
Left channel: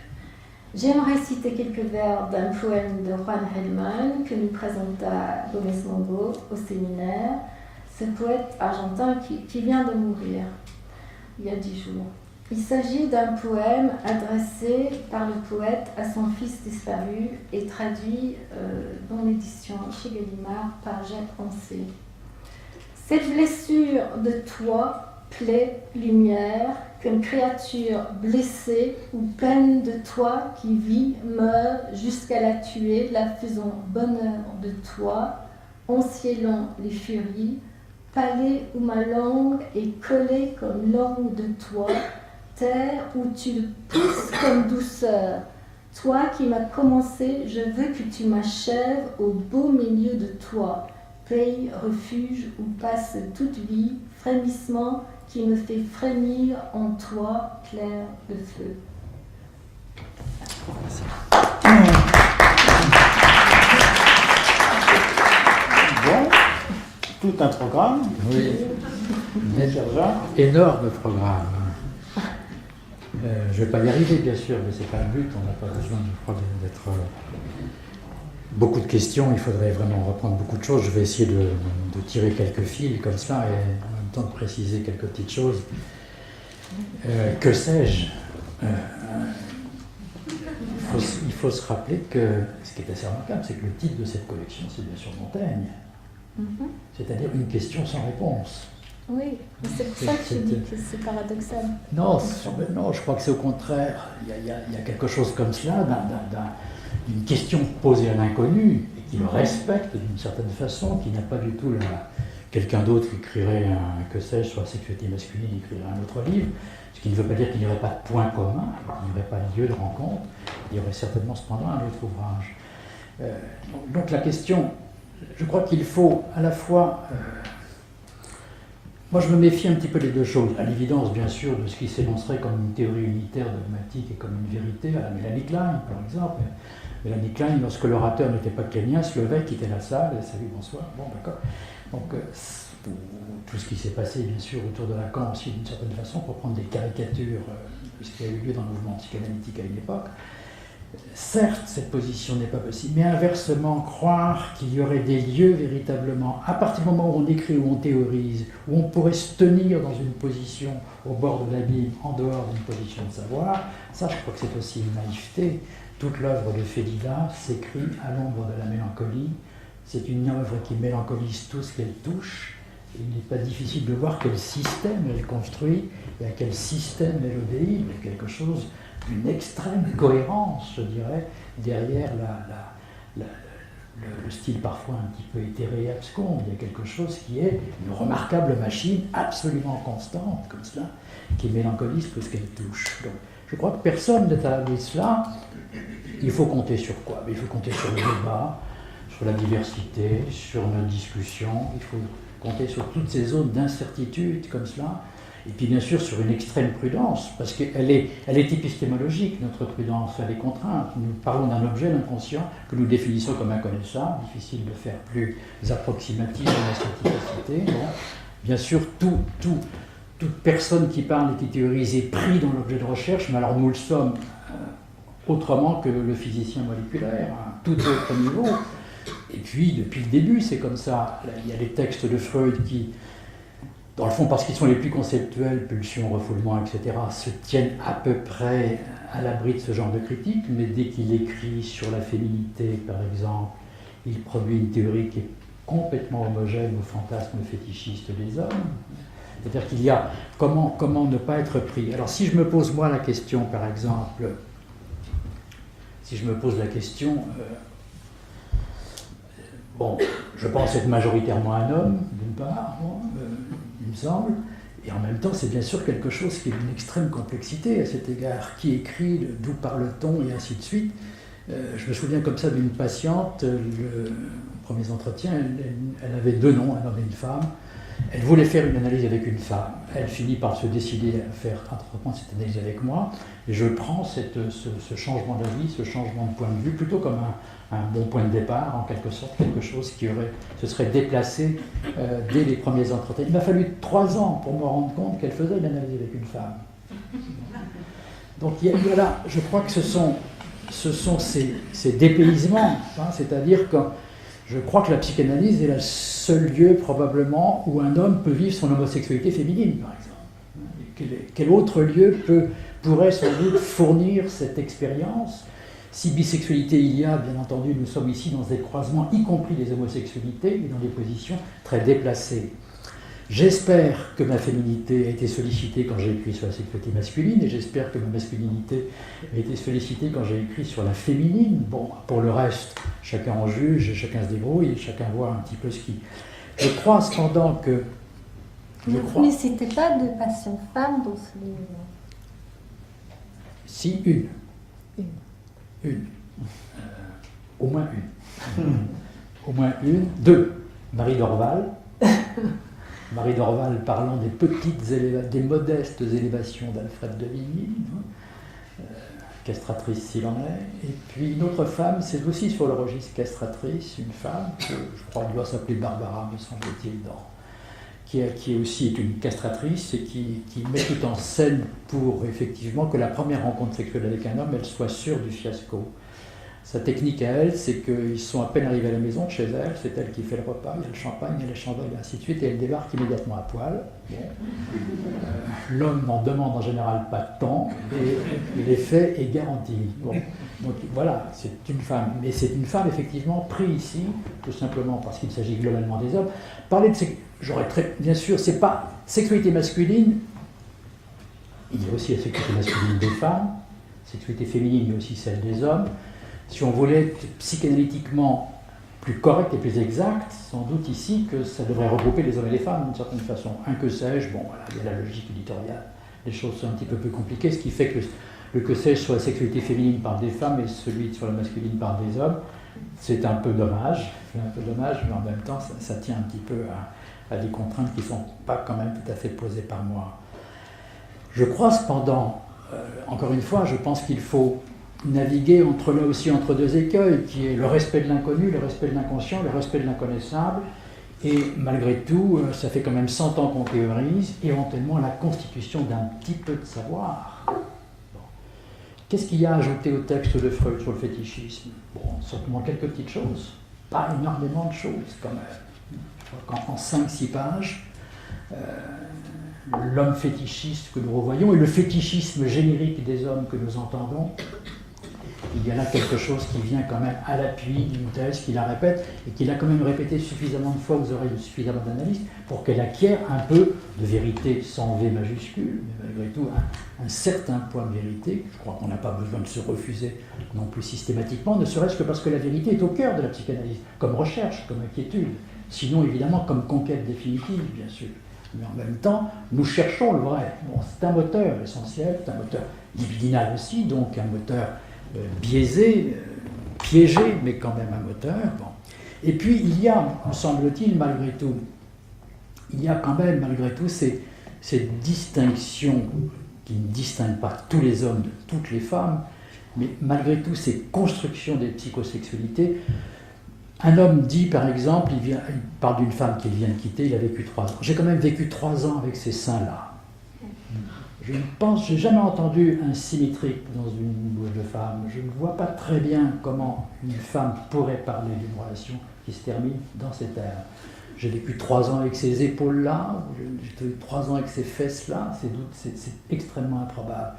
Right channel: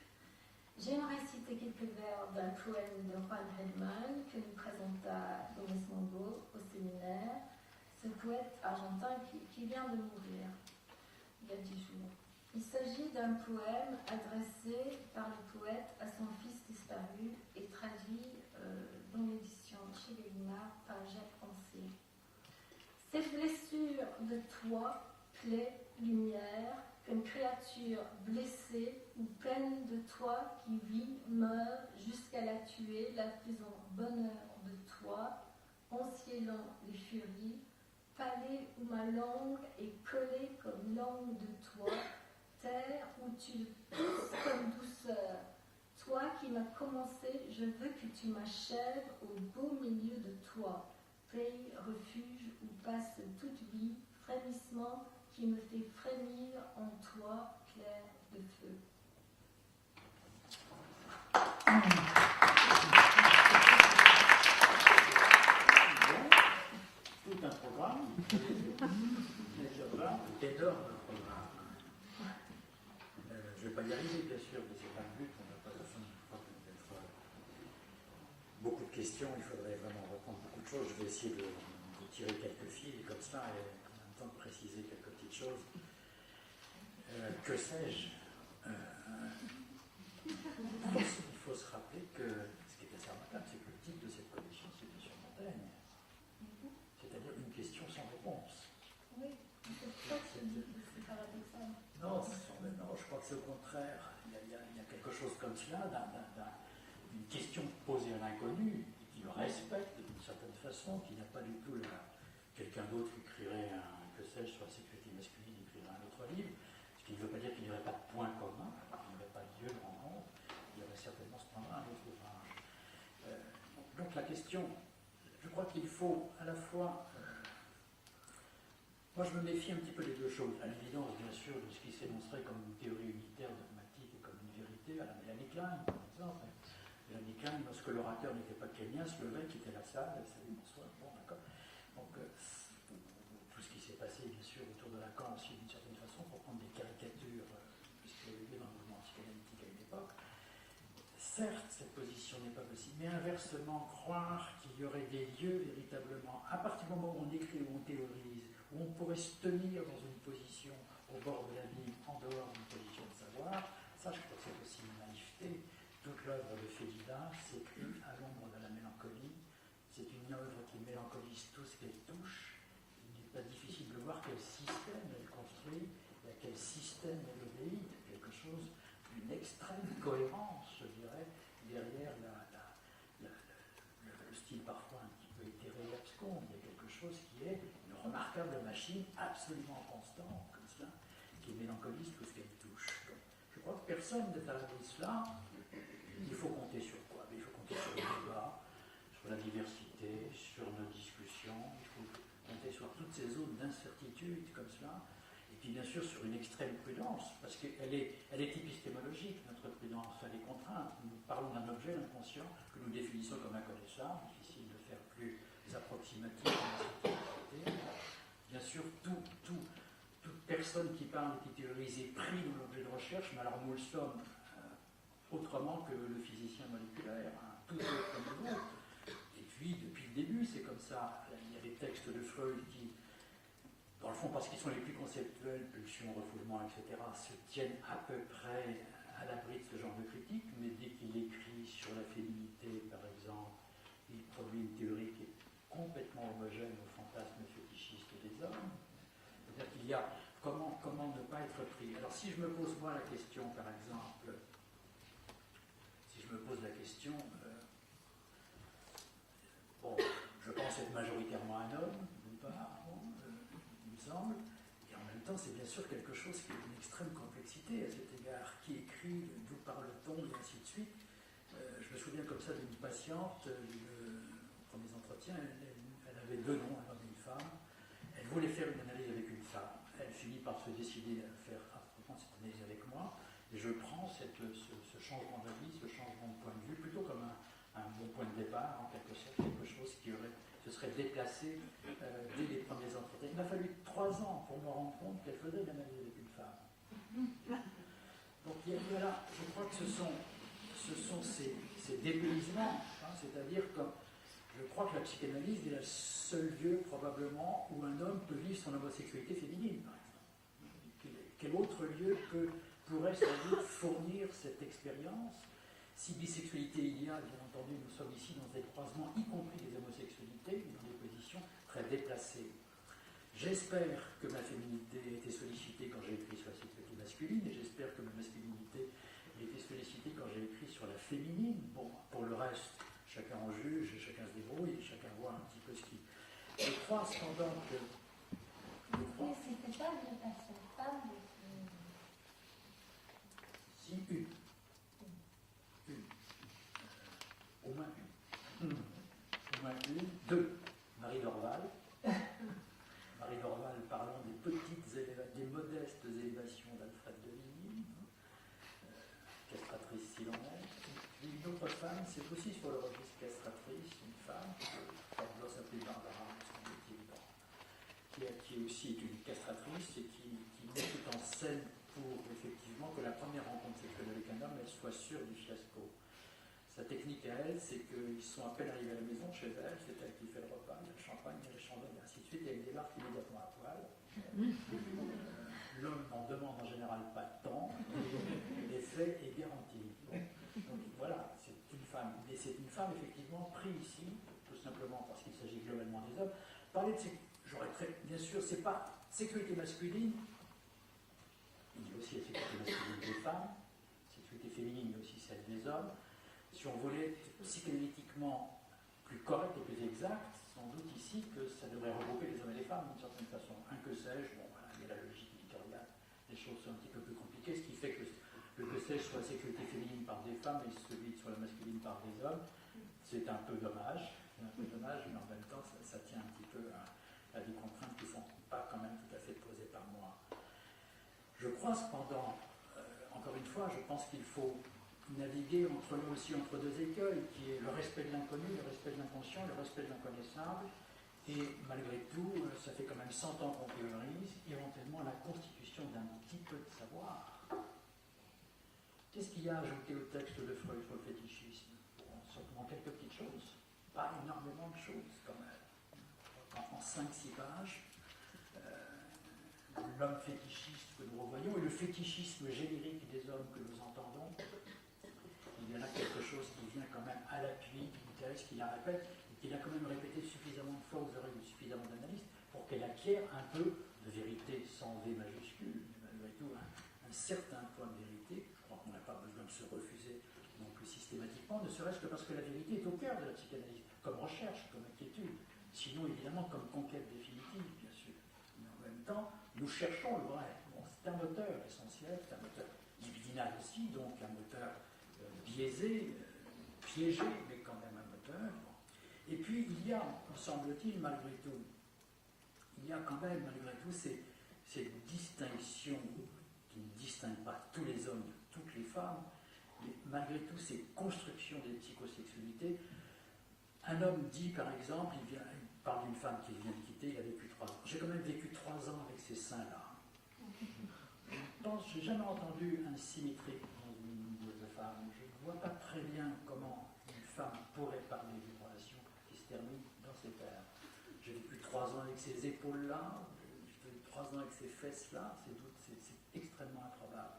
j'aimerais citer quelques vers d'un poème de Juan Gelman que nous présenta Gómez Mongo au séminaire, ce poète argentin qui vient de mourir il y a 10 jours. Il s'agit d'un poème adressé par le poète à son fils disparu et traduit dans l'édition chez Gallimard par Jacques Ancet. Cette blessure de toi, plaie, lumière, qu'une créature blessée ou peine de toi qui vit, meurt jusqu'à la tuer, la faisant bonheur de toi, enciélant les furies, palais où ma langue est collée comme langue de toi, terre où tu le pousses comme douceur. Toi qui m'as commencé, je veux que tu m'achèves au beau milieu de toi. Pays, refuge où passe toute vie, frémissement qui me fait frémir en toi, clair de feu. Bon, tout un programme. Oui, Sergent. énorme programme. Je ne vais pas y arriver, bien sûr, mais ce n'est pas le but. On n'a pas besoin, je crois, d'être beaucoup de questions. Il faudrait vraiment reprendre beaucoup de choses. Je vais essayer de tirer quelques fils comme ça et en même temps de préciser quelques petites choses. Que sais-je il faut se rappeler que ce qui est assez remarquable, c'est que le titre de cette collection, c'est bien sûr Montaigne. C'est-à-dire une question sans réponse. Oui, c'est pour ça que je dis que c'est paradoxal. Non, je crois que c'est au contraire. Il y a quelque chose comme cela, d'une question posée à l'inconnu, et qui le respecte d'une certaine façon, qui n'a pas du tout quelqu'un d'autre qui écrirait, que sais-je, sur la sexualité masculine, écrirait un autre livre, ce qui ne veut pas dire qu'il n'y aurait pas de point commun, qu'il n'y aurait pas de lieu de rencontre, il y aurait certainement cependant un autre ouvrage. Donc la question, je crois qu'il faut à la fois... Moi, je me méfie un petit peu des deux choses. À l'évidence, bien sûr, de ce qui s'énoncerait comme une théorie unitaire dogmatique et comme une vérité, à la Mélanie Klein, par exemple. Mélanie Klein, lorsque l'orateur n'était pas kenyan, se levait, quittait la salle, et salut, bonsoir, bon, d'accord. Donc, tout ce qui s'est passé, bien sûr, autour de Lacan aussi, d'une certaine façon, pour prendre des caricatures de ce qui a eu lieu dans le mouvement psychanalytique à une époque. Certes, cette position n'est pas possible, mais inversement, croire qu'il y aurait des lieux véritablement, à partir du moment où on écrit, où on théorise, où on pourrait se tenir dans une position au bord de l'abîme, en dehors d'une position de savoir, ça, je crois que c'est aussi une naïveté. Toute l'œuvre de Félida s'écrit à l'ombre de la mélancolie. C'est une œuvre qui mélancolise tout ce qu'elle touche. Et il n'est pas difficile de voir quel système elle construit et à quel système elle obéit. Il y a quelque chose d'une extrême cohérence, je dirais, derrière le style parfois un petit peu éthéré et abscon. Il y a quelque chose qui est une remarquable machine absolument constante, comme cela, qui mélancolise tout ce qu'elle touche. Donc, je crois que personne n'est à l'abri de cela. Il faut compter sur quoi? Il faut compter sur le débat, sur la diversité, sur nos discussions. Il faut compter sur toutes ces zones d'incertitude comme cela. Et puis bien sûr sur une extrême prudence, parce qu'elle est épistémologique, notre prudence, elle est contrainte. Nous parlons d'un objet, l'inconscient, que nous définissons comme inconnaissable, difficile de faire plus approximatif dans la staticité. Bon. Bien sûr, toute personne qui parle et qui théorise est pris dans l'objet de recherche, mais alors nous le sommes autrement que le physicien moléculaire, à un tout autre niveau. Et puis, depuis le début, c'est comme ça. Là, il y a les textes de Freud qui, dans le fond, parce qu'ils sont les plus conceptuels, pulsion, refoulement, etc., se tiennent à peu près à l'abri de ce genre de critique, mais dès qu'il écrit sur la féminité, par exemple, il produit une théorie qui est complètement homogène au fantasme fétichiste des hommes. C'est-à-dire qu'il y a comment ne pas être pris. Alors si je me pose moi la question, par exemple, si je me pose la question, bon, je pense être majoritairement un homme, d'une part, il me semble, et en même temps c'est bien sûr quelque chose qui est d'une extrême complexité à cet égard. Qui écrit, d'où parle-t-on, et ainsi de suite. Je me souviens comme ça d'une patiente, aux premiers entretiens, elle avait 2 noms, un homme et une femme. Elle voulait faire une analyse avec une femme. Elle finit par se décider à faire entreprendre cette analyse avec moi. Et je prends ce changement d'avis, ce changement de point de vue, plutôt comme un bon point de départ, en quelque sorte, quelque chose qui se serait déplacé dès les premiers entretiens. Il m'a fallu 3 ans pour me rendre compte qu'elle faisait une analyse avec une femme. Donc il y a là, je crois que ce sont ces dépaysements, hein, c'est-à-dire que je crois que la psychanalyse est le seul lieu probablement où un homme peut vivre son homosexualité féminine, par exemple. Quel autre lieu pourrait sans doute fournir cette expérience? Si bisexualité il y a, bien entendu, nous sommes ici dans des croisements, y compris des homosexualités, et dans des positions très déplacées. J'espère que ma féminité a été sollicitée quand j'ai écrit sur la sexualité masculine, et j'espère que ma masculinité a été sollicitée quand j'ai écrit sur la féminine. Bon, pour le reste, chacun en juge, chacun se débrouille, et chacun voit un petit peu ce qui... Je crois cependant que... Vous ne citez pas de passion femme dans ce livre? Si, une. Au moins une. Au moins une. 2. Marie Dorval. Marie Dorval parlant des modestes élévations d'Alfred de Vigny, castratrice s'il en est. Et puis une autre femme, c'est aussi sur le registre castratrice, une femme, que je crois qu'elle doit s'appeler Barbara, me semble-t-il, qui est aussi une castratrice et qui met tout en scène pour effectivement que la première rencontre sexuelle avec un homme, elle soit sûre du fiasco. Sa technique à elle, c'est qu'ils sont à peine arrivés à la maison, chez elle, c'est elle qui fait le repas, il y a le champagne, il y a les chandelles, et ainsi de suite, et elle débarque immédiatement à poil. Bon. L'homme n'en demande en général pas tant, et l'effet est garanti. Bon. Donc voilà, c'est une femme, mais c'est une femme effectivement prise ici, tout simplement parce qu'il s'agit globalement des hommes. Parler de bien sûr, c'est pas sexualité masculine, il y a aussi la sexualité masculine des femmes, sexualité féminine, il y a aussi celle des hommes. Si on voulait être psychanalytiquement plus correct et plus exact, sans doute ici que ça devrait regrouper les hommes et les femmes d'une certaine façon. Un que sais-je, bon voilà, il y a la logique éditoriale, les choses sont un petit peu plus compliquées, ce qui fait que le que sais-je sur la sexualité féminine par des femmes et celui sur la masculine par des hommes, c'est un peu dommage, mais en même temps ça tient un petit peu à des contraintes qui ne sont pas quand même tout à fait posées par moi. Je crois cependant, encore une fois, je pense qu'il faut naviguer là aussi entre 2 écueils, qui est le respect de l'inconnu, le respect de l'inconscient, le respect de l'inconnaissable, et malgré tout, ça fait quand même 100 ans qu'on théorise, éventuellement la constitution d'un petit peu de savoir. Bon. Qu'est-ce qu'il y a à ajouter au texte de Freud sur le fétichisme? Bon, simplement quelques petites choses, pas énormément de choses quand même. Je crois qu'en 5-6 pages, l'homme fétichiste que nous revoyons et le fétichisme générique des hommes que nous entendons, il y a là quelque chose qui vient quand même à l'appui d'une thèse qui la répète et qui l'a quand même répétée suffisamment de fois aux oreilles de suffisamment d'analystes pour qu'elle acquiert un peu de vérité sans V majuscule, mais malgré tout un certain point de vérité. Je crois qu'on n'a pas besoin de se refuser non plus systématiquement, ne serait-ce que parce que la vérité est au cœur de la psychanalyse, comme recherche, comme inquiétude, sinon évidemment comme conquête définitive, bien sûr. Mais en même temps, nous cherchons le vrai. Bon, c'est un moteur essentiel, c'est un moteur libidinal aussi, donc un moteur biaisé, piégé, mais quand même un moteur. Bon. Et puis il y a, me semble-t-il, malgré tout, ces distinctions qui ne distinguent pas tous les hommes de toutes les femmes, mais malgré tout ces constructions des psychosexualités. Un homme dit, par exemple, il parle d'une femme qu'il vient de quitter, il a vécu 3 ans. J'ai quand même vécu 3 ans avec ces seins-là. j'ai jamais entendu un symétrique dans une bouche de femme. Je ne vois pas très bien comment une femme pourrait parler d'une relation qui se termine dans ces termes. J'ai vécu 3 ans avec ces épaules-là, j'ai vécu 3 ans avec ces fesses-là, c'est extrêmement improbable.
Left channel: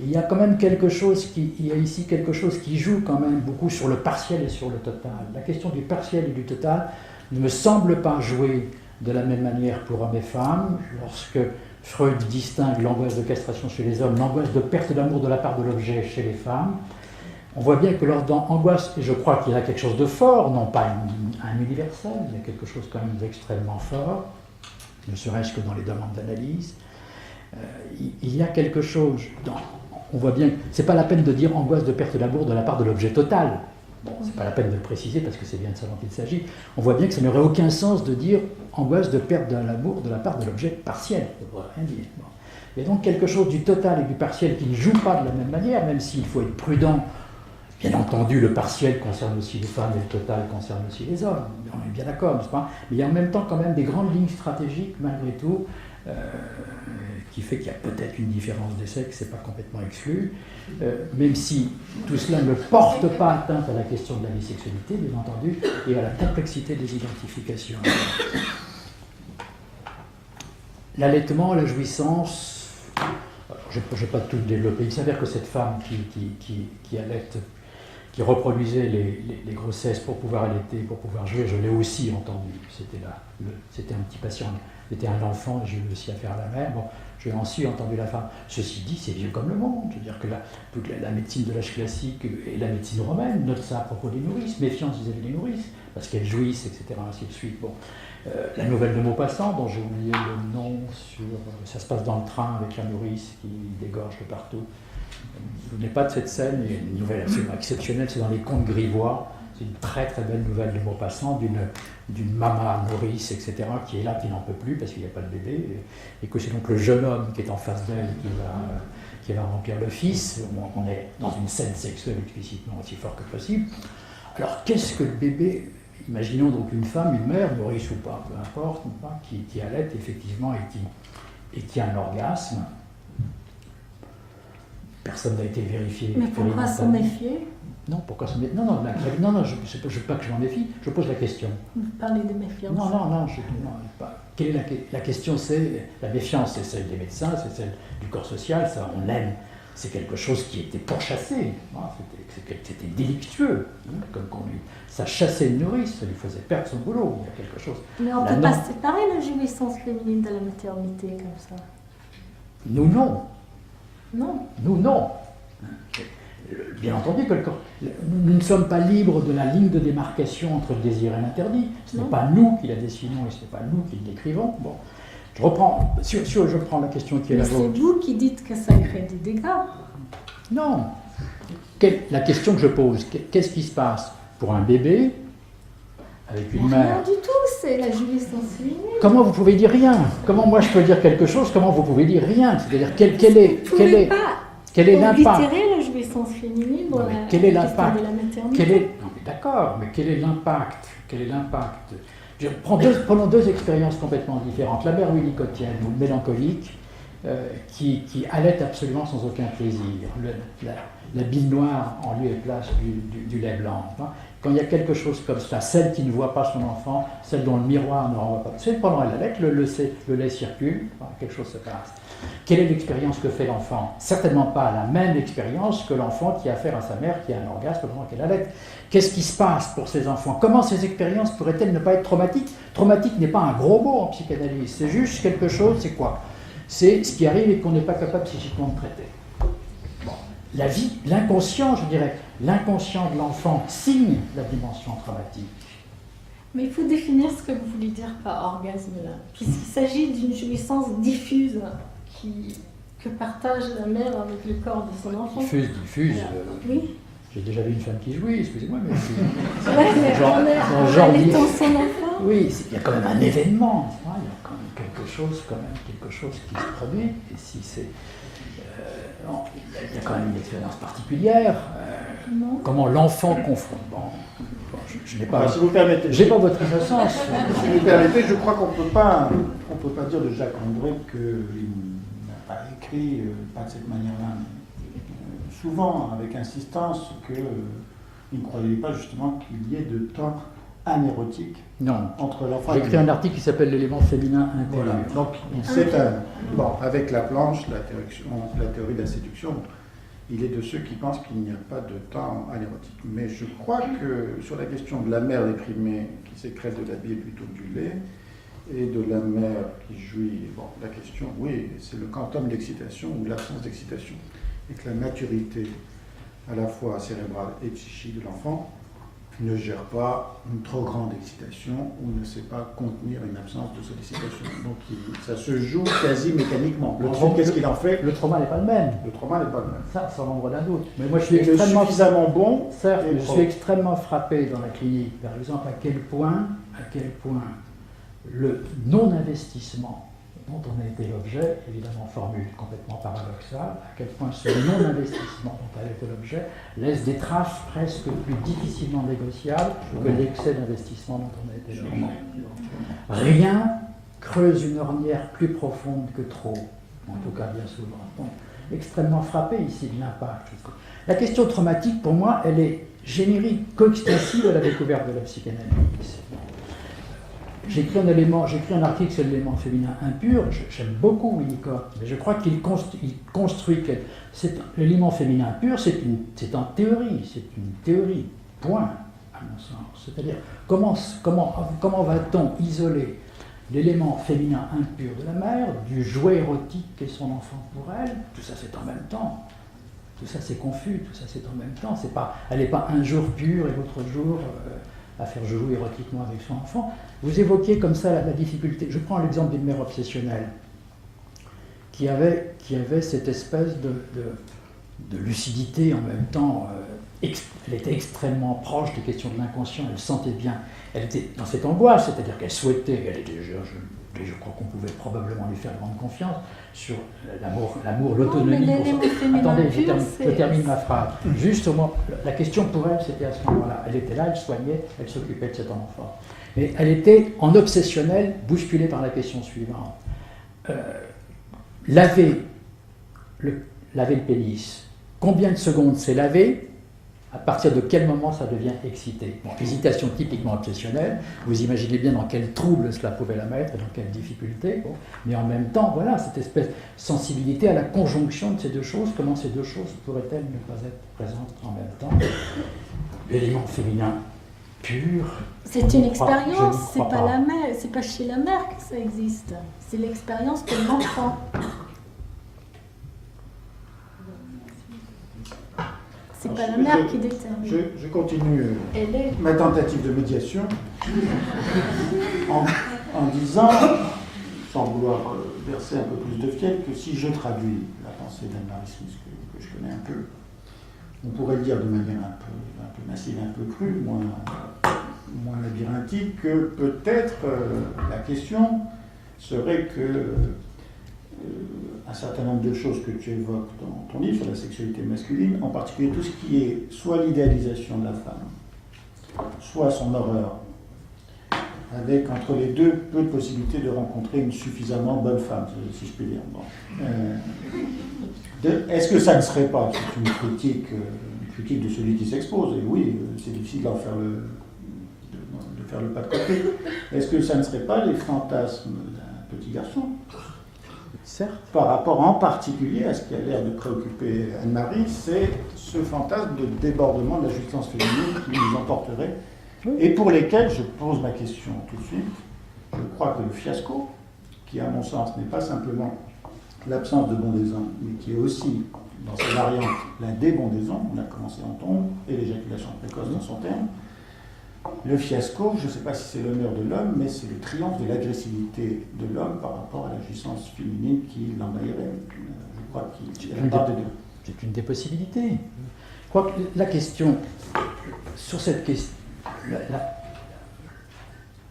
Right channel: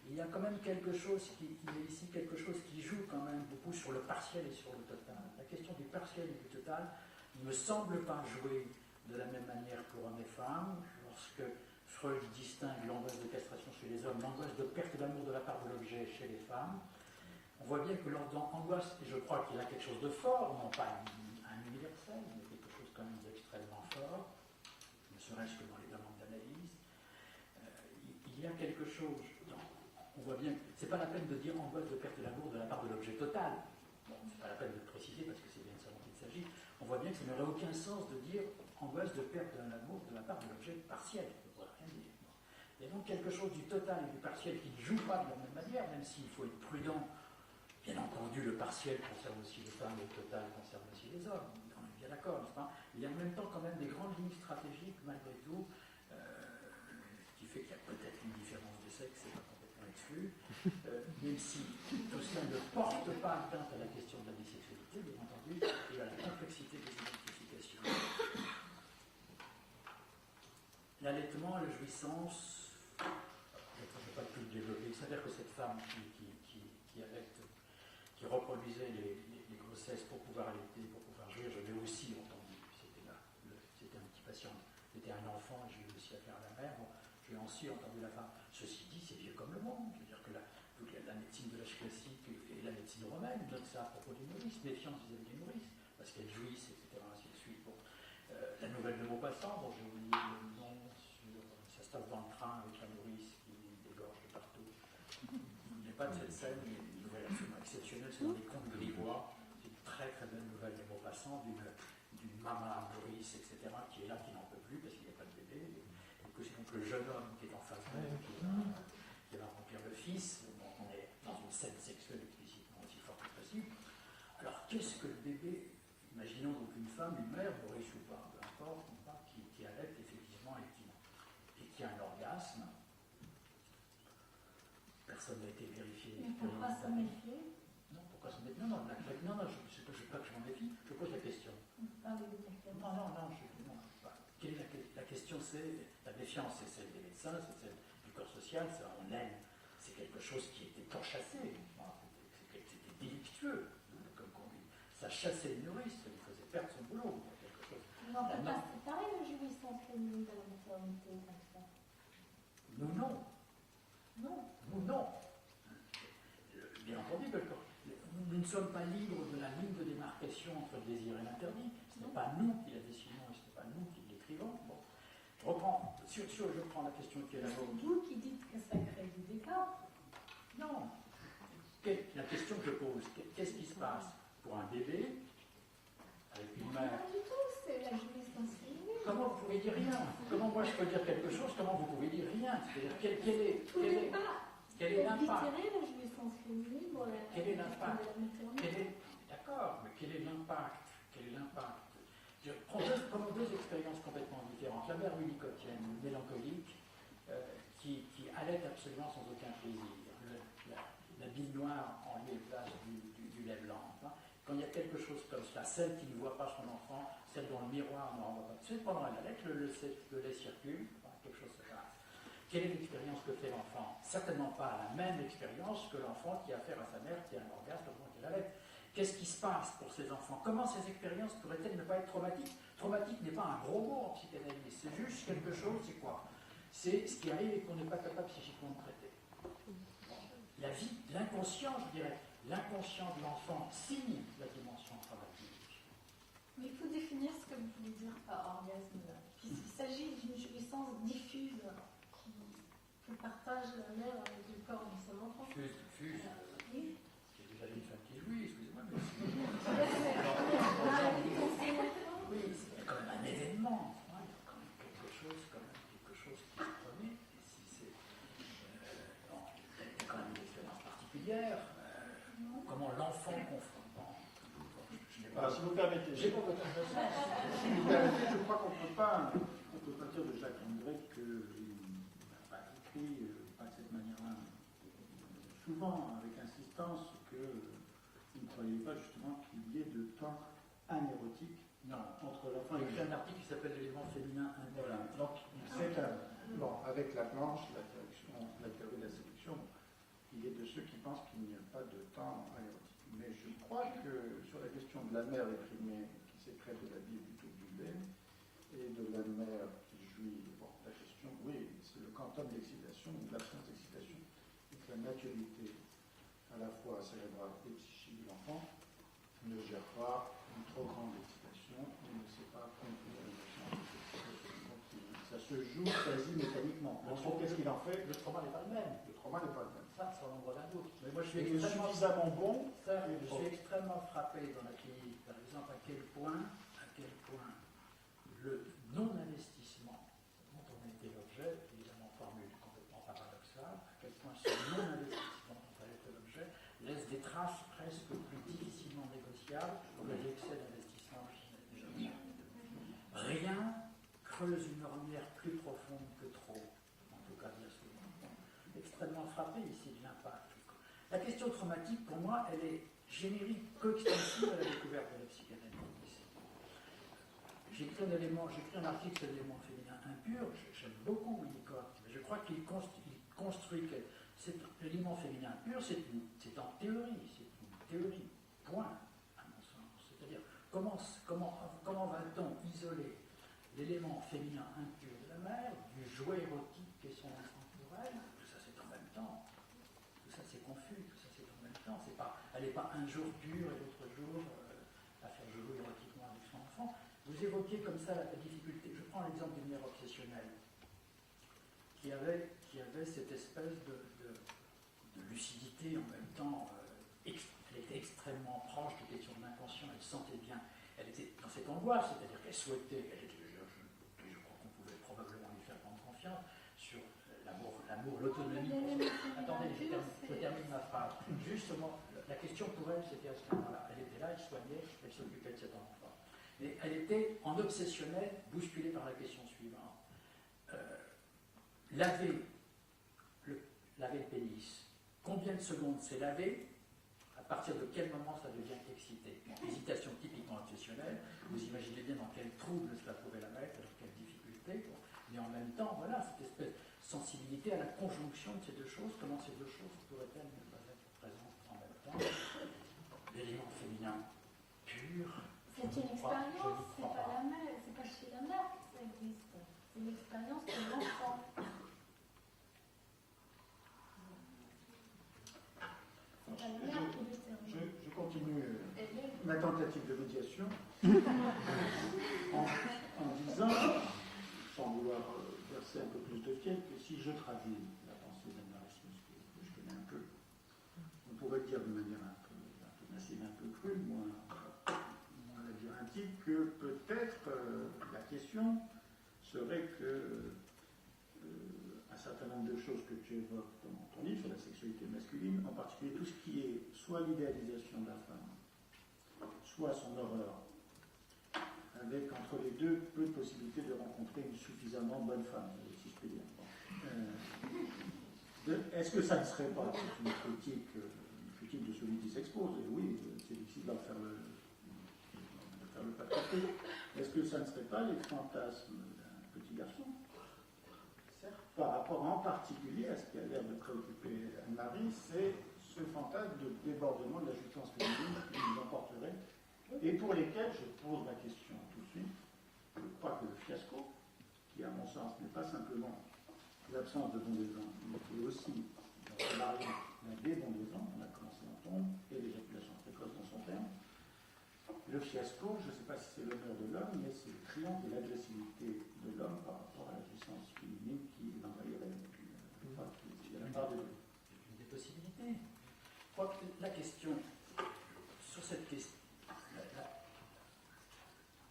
Il y a quand même quelque chose il y a ici quelque chose qui joue quand même beaucoup sur le partiel et sur le total. La question du partiel et du total ne me semble pas jouer de la même manière pour hommes et femmes. Lorsque Freud distingue l'angoisse de castration chez les hommes, l'angoisse de perte d'amour de la part de l'objet chez les femmes, on voit bien que dans angoisse, et je crois qu'il y a quelque chose de fort, non pas un universel, il y a quelque chose quand même d'extrêmement fort, ne serait-ce que dans les demandes d'analyse, il y a quelque chose, on voit bien, c'est pas la peine de dire angoisse de perte d'amour de la part de l'objet total. Bon, c'est pas la peine de le préciser parce que c'est bien de ça dont il s'agit. On voit bien que ça n'aurait aucun sens de dire angoisse de perte de l'amour de la part de l'objet partiel. Ça ne voudrait rien dire. Bon. Il y a donc quelque chose du total et du partiel qui ne joue pas de la même manière, même s'il faut être prudent. Bien entendu, le partiel concerne aussi les femmes et le total concerne aussi les hommes. On est bien d'accord, n'est-ce pas? Mais il y a en même temps quand même des grandes lignes stratégiques, malgré tout, qui fait qu'il y a peut-être une différence des sexes, c'est pas complètement exclu, même si tout cela ne porte pas atteinte à la question de la bisexualité, bien entendu, et à la complexité des identifications. L'allaitement, la jouissance, je ne vais pas tout développer, il s'avère que cette femme qui allaite, qui reproduisait les grossesses pour pouvoir allaiter, pour pouvoir jouer, je l'ai aussi entendu, c'était un petit patient, c'était un enfant, j'ai eu aussi affaire à la mère, bon, j'ai aussi entendu la femme. Ceci dit, c'est vieux comme le monde. Je veux dire que la médecine de l'âge classique et la médecine romaine notent ça à propos des nourrices, méfiance vis-à-vis des nourrices, parce qu'elles jouissent, etc., ainsi de suite. Bon. La nouvelle de Maupassant, dont j'ai oublié le nom, ça se passe dans le train avec la nourrice qui dégorge de partout. Vous n'êtes pas de cette scène, il y a une nouvelle absolument exceptionnelle, c'est dans les Contes grivois. C'est une très très belle nouvelle de Maupassant d'une maman nourrice, etc., qui est là, qui n'en peut plus parce qu'il n'y a pas de bébé, et que c'est donc le jeune homme qui est en face d'elle qui va remplir le fils. On est dans une scène sexuelle explicitement aussi fort que possible. Alors qu'est-ce que le bébé? Imaginons donc une femme, une mère, nourrice ou pas, peu importe, qui allaite effectivement et qui a un orgasme. Personne n'a été vérifié. Mais pourquoi s'en méfier? Non, pourquoi se méfier? Non, je ne veux pas que je m'en méfie, je pose la question. Vous parlez de méfiance. Non, pas. Quelle est la question? C'est la méfiance, c'est celle des médecins, c'est celle du corps social, ça on aime, c'est quelque chose qui était pourchassé, c'était délictueux, ça chassait une nourrice, ça lui faisait perdre son boulot, il y a quelque chose. Mais on ne peut pas séparer la jouissance féminine de la maternité comme ça. Nous, non. Non. Nous, non. Bien entendu que nous ne sommes pas libres de la ligne de démarcation entre le désir et l'interdit. Ce n'est pas nous qui la dessinons et ce n'est pas nous qui l'écrivons. Bon, je reprends la question qui est la vôtre. C'est vous qui dites que ça crée des dégâts. Non. La question que je pose, qu'est-ce qui se passe pour un bébé avec une mère? Rien du tout, c'est la jouissance féminine. Comment vous pouvez dire rien? Comment moi je peux dire quelque chose? Comment vous pouvez dire rien? C'est-à-dire quel est l'impact? Oblitérer la jouissance féminine dans la question de la maternité. D'accord, mais quel est l'impact? Prenons deux expériences complètement différentes. La mère winnicottienne, ou mélancolique, qui allait absolument sans aucun plaisir. La bile noire en lieu et place du lait blanc. Hein. Quand il y a quelque chose comme ça, celle qui ne voit pas son enfant, celle dont le miroir ne renvoie pas, c'est pendant elle allait, le lait circule, quelque chose se passe. Quelle est l'expérience que fait l'enfant? Certainement pas la même expérience que l'enfant qui a affaire à sa mère, qui a un orgasme pendant qu'elle allait. Qu'est-ce qui se passe pour ces enfants? Comment ces expériences pourraient-elles ne pas être traumatiques? Traumatique n'est pas un gros mot en psychanalyse, c'est juste quelque chose, c'est quoi? C'est ce qui arrive et qu'on n'est pas capable psychiquement de traiter. Bon. La vie, l'inconscient, je dirais, l'inconscient de l'enfant signe la dimension traumatique. Mais il faut définir ce que vous voulez dire par orgasme là. Puisqu'il s'agit d'une jouissance diffuse que partage la mère avec le corps de son enfant. Diffuse. Oui. J'ai déjà vu une femme qui jouit, excusez-moi, mais en allaitant son enfant. Oui, il y a quand même un événement, il y a quand même quelque chose qui se produit. Et si c'est, il y a quand même une expérience particulière. Comment l'enfant confronte. Je n'ai pas. Si vous permettez. J'ai pas votre innocence. Si vous permettez, je crois qu'on peut pas dire de Jacques André qu'il pas écrit, pas de cette manière-là, mais souvent avec insistance qu'il ne croyait pas justement qu'il y ait de temps anérotique Non. entre l'enfant J'ai et écrit un article qui s'appelle L'élément féminin intérieur. Voilà. Donc, bon, avec la planche, la théorie de la séduction, il est de ceux qui pensent qu'il n'y a pas de temps anérotique. Mais je crois que sur la question de la mère déprimée qui sécrète de la bile plutôt que du lait, et de la mère qui jouit, bon, la question, oui, c'est le quantum d'excitation ou l'absence d'excitation. Et que la maturité, à la fois cérébrale et psychique de l'enfant, ne gère pas une trop grande excitation ou ne sait pas contenir une absence de sollicitation. Donc ça se joue quasi mécaniquement. Qu'est-ce qu'il en fait? Le trauma n'est pas le même. Le trauma n'est pas le même. Ça, sans l'ombre d'un doute. Mais moi, je suis extrêmement suffisamment bon. Certes, je suis extrêmement frappé dans la clinique, par exemple, à quel point le non-investissement dont on a été l'objet, évidemment formule complètement paradoxale, à quel point ce non-investissement dont on a été l'objet laisse des traces presque plus difficilement négociables que l'excès d'investissement dont on a été l'objet. Rien creuse une ornière plus profonde que trop, en tout cas bien souvent. Donc, extrêmement frappé ici de l'impact. La question traumatique, pour moi, elle est générique, coextensive à la découverte de la psychanalyse. J'ai écrit un article sur l'élément féminin impur, j'aime beaucoup Winnicott, mais je crois qu'il construit que l'élément féminin impur, c'est en théorie, c'est une théorie, point, à mon sens. C'est-à-dire, comment va-t-on isoler l'élément féminin impur de la mère du jouet érotique qu'est son enfant pour elle? Tout ça, c'est en même temps. Tout ça, c'est confus, tout ça, c'est en même temps. Elle n'est pas un jour pur et l'autre jour à faire jouer érotiquement avec son enfant. Vous évoquiez comme ça la difficulté. Je prends l'exemple d'une mère obsessionnelle qui avait cette espèce de lucidité en même temps. Elle était extrêmement proche des questions de l'inconscient, elle sentait bien. Elle était dans cette angoisse, c'est-à-dire qu'elle souhaitait, je crois qu'on pouvait probablement lui faire grande confiance sur l'amour, l'autonomie. Attendez, je termine ma phrase. Juste au moment, la question pour elle, c'était à ce moment-là. Elle était là, elle soignait, elle s'occupait de cet enfant. Mais elle était en obsessionnelle, bousculée par la question suivante. Laver le pénis, combien de secondes c'est lavé? À partir de quel moment ça devient excité? Bon, hésitation typiquement obsessionnelle, vous imaginez bien dans quel trouble cela pouvait la mettre et dans quelle difficulté, bon. Mais en même temps, voilà, cette espèce de sensibilité à la conjonction de ces deux choses, comment ces deux choses pourraient-elles ne pas être présentes en même temps? L'élément féminin pur. C'est une expérience, c'est pas la mère, c'est pas chez la mère que ça existe, c'est l'expérience de l'enfant. C'est pas la mère qui détermine. Je continue ma tentative de médiation en disant, sans vouloir verser un peu plus de fiel, que si je traduis la pensée d'Anne-Marie Smith, que je connais un peu, on pourrait le dire de manière un peu massive, un peu crue, moins labyrinthique, que peut-être la question serait que un certain nombre de choses que tu évoques dans ton livre sur la sexualité masculine, en particulier tout ce qui est soit l'idéalisation de la femme, soit son horreur, avec entre les deux peu de possibilités de rencontrer une suffisamment bonne femme, si je puis dire. Bon. Est-ce que ça ne serait pas, c'est une critique de celui qui s'expose, et oui, c'est difficile d'en faire de faire le pas de côté, est-ce que ça ne serait pas les fantasmes d'un petit garçon? Certes. Par rapport en particulier à ce qui a l'air de préoccuper Anne-Marie, c'est ce fantasme de débordement de la jouissance féminine qui nous emporterait, et pour lesquels, je pose ma question tout de suite, je crois que le fiasco, qui à mon sens n'est pas simplement l'absence de bondaison, mais qui est aussi, dans ses variantes, la débondaison, on a commencé en tombe, et l'éjaculation précoce dans son terme. Le fiasco, je ne sais pas si c'est l'honneur de l'homme, mais c'est le triomphe de l'agressivité de l'homme par rapport à la jouissance féminine qui l'envahirait. Je crois qu'il y a part des deux. C'est une des possibilités. Je crois que la question, sur cette question,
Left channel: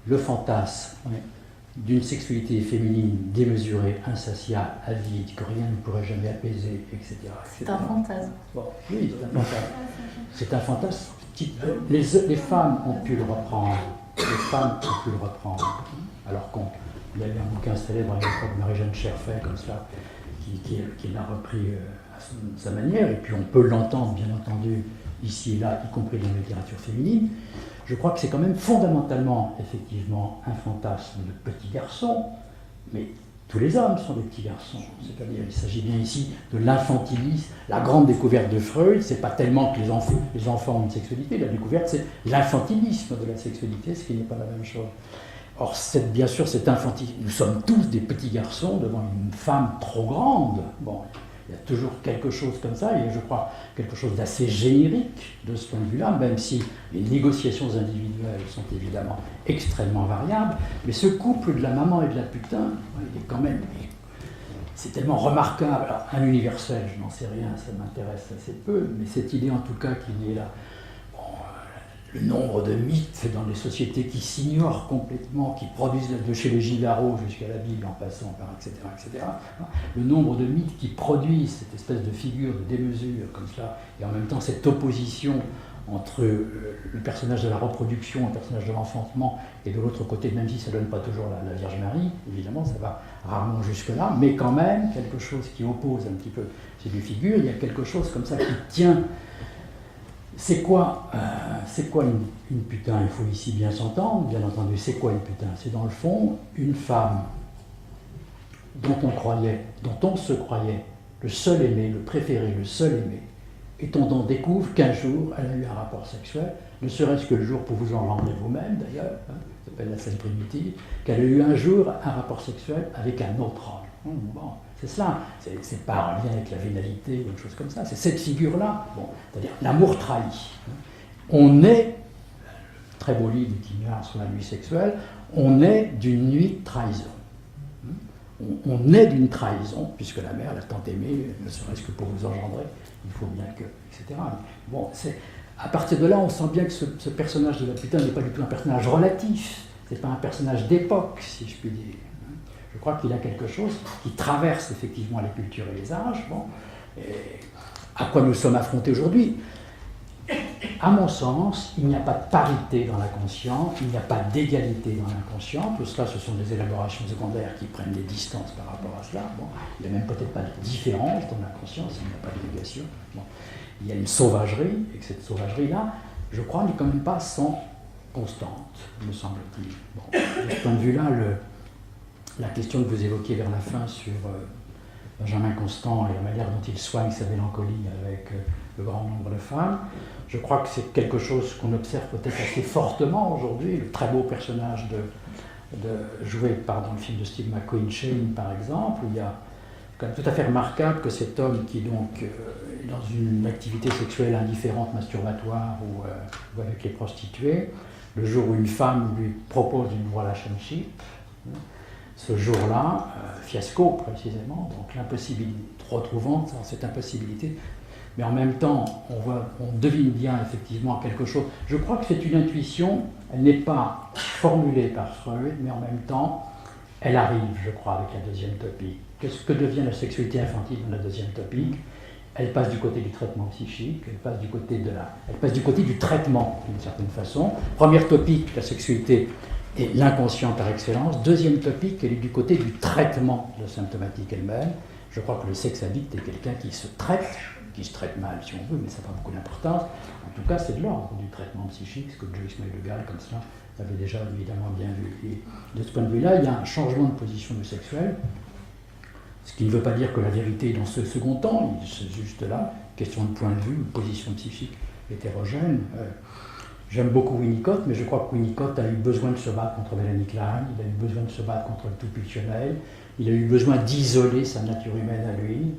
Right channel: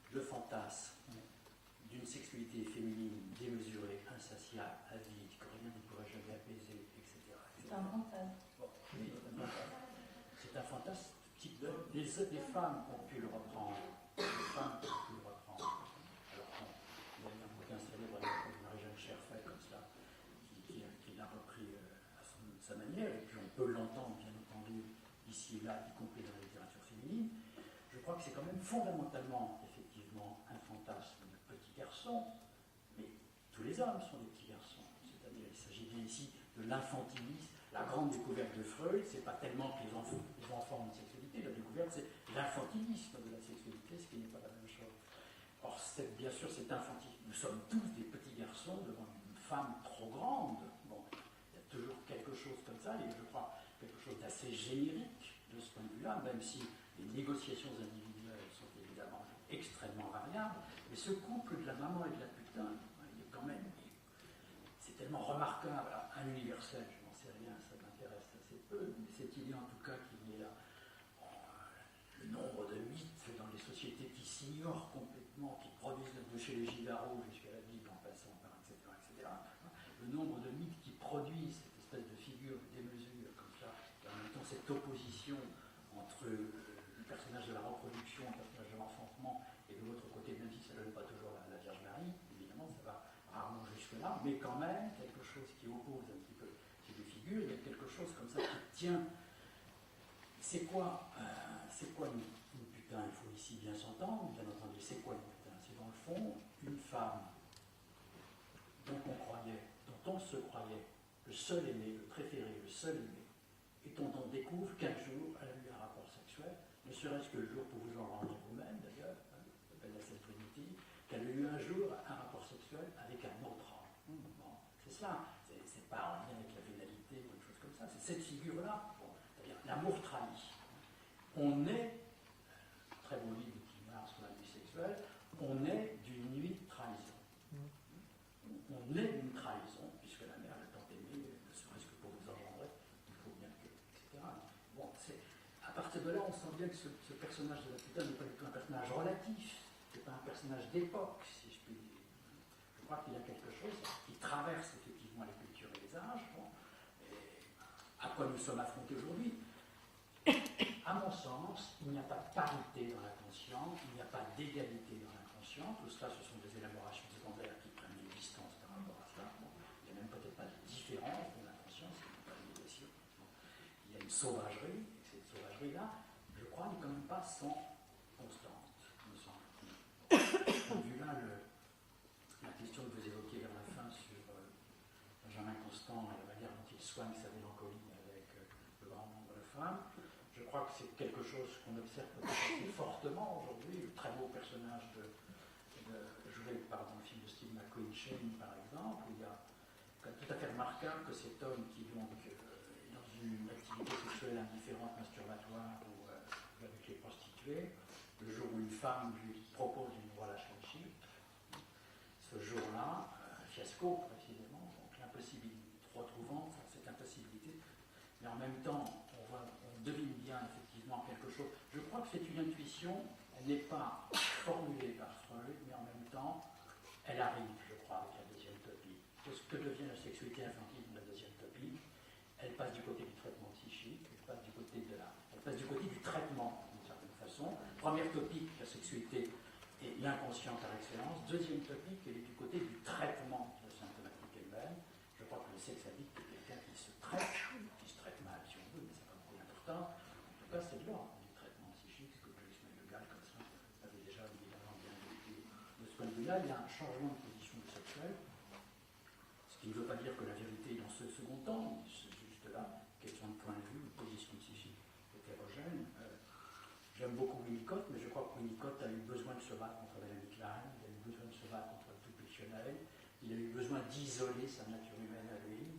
le fantasme d'une sexualité féminine démesurée, insatiable, avide, que rien ne pourrait jamais apaiser, etc. C'est un fantasme. Bon, oui, c'est un fantasme. C'est un fantasme. Les femmes ont pu le reprendre. Les femmes ont pu le reprendre. Alors qu'il y avait un bouquin célèbre à l'époque de Marie-Jeanne Cherfay, comme ça, qui l'a repris à sa manière, et puis on peut l'entendre, bien entendu, ici et là, y compris dans la littérature féminine. Je crois que c'est quand même fondamentalement, effectivement, un fantasme de petit garçon, mais tous les hommes sont des petits garçons. C'est-à-dire, il s'agit bien ici de l'infantilisme. La grande découverte de Freud, c'est pas tellement que les enfants ont une sexualité, la découverte, c'est l'infantilisme de la sexualité, ce qui n'est pas la même chose. Or, bien sûr, cet infantilisme, nous sommes tous des petits garçons devant une femme trop grande. Bon, il y a toujours quelque chose comme ça, et je crois quelque chose d'assez générique de ce point de vue-là, même si les négociations individuelles sont évidemment extrêmement variables, mais ce couple de la maman et de la putain, il est quand même, c'est tellement remarquable. Alors, un universel, je n'en sais rien, ça m'intéresse assez peu, mais cette idée en tout cas qu'il y ait là, le nombre de mythes dans les sociétés qui s'ignorent complètement, qui produisent de chez les Gigaro jusqu'à la Bible en passant par etc., etc. Le nombre de mythes qui produisent cette espèce de figure de démesure comme cela, et en même temps cette opposition entre le personnage de la reproduction et le personnage de l'enfantement, et de l'autre côté, même si ça ne donne pas toujours la Vierge Marie, évidemment ça va rarement jusque-là, mais quand même quelque chose qui oppose un petit peu ces deux figures, il y a quelque chose comme ça qui tient. C'est quoi une putain? Il faut ici bien s'entendre, bien entendu. C'est quoi une putain? C'est dans le fond une femme dont on se croyait le seul aimé, le préféré, le seul aimé, et dont on découvre qu'un jour elle a eu un rapport sexuel, ne serait-ce que le jour pour vous en rendre vous-même d'ailleurs, ça s'appelle la scène primitive, qu'elle a eu un jour un rapport sexuel avec un autre homme. Bon. C'est cela, c'est pas en lien avec la vénalité ou une chose comme ça, c'est cette figure-là, bon, c'est-à-dire l'amour trahi. On est, très beau livre qui meurt sur la nuit sexuelle, on est d'une nuit de trahison. On est d'une trahison, puisque la mère l'a tant aimé, ne serait-ce que pour vous engendrer, il faut bien que, etc. Bon, à partir de là, on sent bien que ce personnage de la putain n'est pas du tout un personnage relatif, c'est pas un personnage d'époque, si je puis dire. Je crois qu'il a quelque chose qui traverse effectivement les cultures et les âges. Bon, et à quoi nous sommes affrontés aujourd'hui? À mon sens, il n'y a pas de parité dans l'inconscient, il n'y a pas d'égalité dans l'inconscient. Tout cela, ce sont des élaborations secondaires qui prennent des distances par rapport à cela. Bon, il n'y a même peut-être pas de différence dans l'inconscient, s'il n'y a pas de négation. Bon, il y a une sauvagerie, et que cette sauvagerie-là, je crois, n'est quand même pas sans constante, me semble-t-il. Bon, de ce point de vue-là, la question que vous évoquiez vers la fin sur Benjamin Constant et la manière dont il soigne sa mélancolie avec le grand nombre de femmes, je crois que c'est quelque chose qu'on observe peut-être assez fortement aujourd'hui. Le très beau personnage joué dans le film de Steve McQueen, Shane par exemple, où il y a quand même tout à fait remarquable que cet homme qui donc est dans une activité sexuelle indifférente, masturbatoire ou avec les prostituées, le jour où une femme lui propose une relationship, ce jour-là, fiasco précisément, donc l'impossibilité, retrouvant cette impossibilité, mais en même temps, on devine bien effectivement quelque chose. Je crois que c'est une intuition, elle n'est pas formulée par Freud, mais en même temps, elle arrive, je crois, avec la deuxième topique. Qu'est-ce que devient la sexualité infantile dans la deuxième topique? Elle passe du côté du traitement psychique, elle passe du côté du traitement, d'une certaine façon. Première topique, la sexualité et l'inconscient par excellence. Deuxième topic, elle est du côté du traitement de la symptomatique elle-même. Je crois que le sexe addict est quelqu'un qui se traite mal si on veut, mais ça n'a pas beaucoup d'importance. En tout cas, c'est de l'ordre du traitement psychique, ce que Joyce Meyer comme cela avait déjà évidemment bien vu. Et de ce point de vue-là, il y a un changement de position du sexuel, ce qui ne veut pas dire que la vérité est dans ce second temps, c'est juste là, question de point de vue, une position psychique hétérogène. J'aime beaucoup Winnicott, mais je crois que Winnicott a eu besoin de se battre contre Melanie Klein, il a eu besoin de se battre contre le tout pulsionnel, il a eu besoin d'isoler sa nature humaine à lui,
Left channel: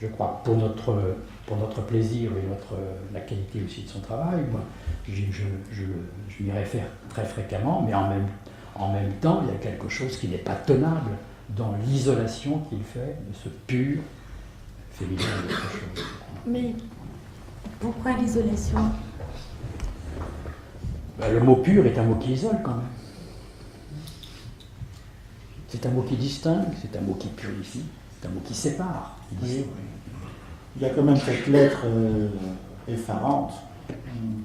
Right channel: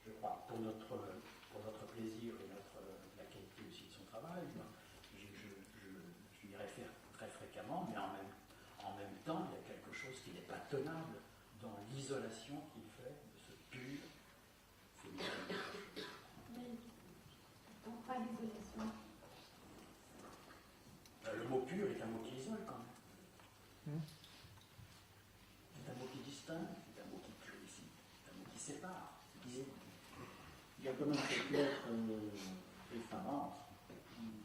je crois, pour notre plaisir et la qualité aussi de son travail. Moi, je m'y réfère très fréquemment, mais en même temps, il y a quelque chose qui n'est pas tenable dans l'isolation qu'il fait de ce pur féminin de quelque chose. Mais pourquoi l'isolation? Le mot pur est un mot qui isole quand même. C'est un mot qui distingue, c'est un mot qui purifie, c'est un mot qui sépare. Oui. Il y a quand même cette lettre effarante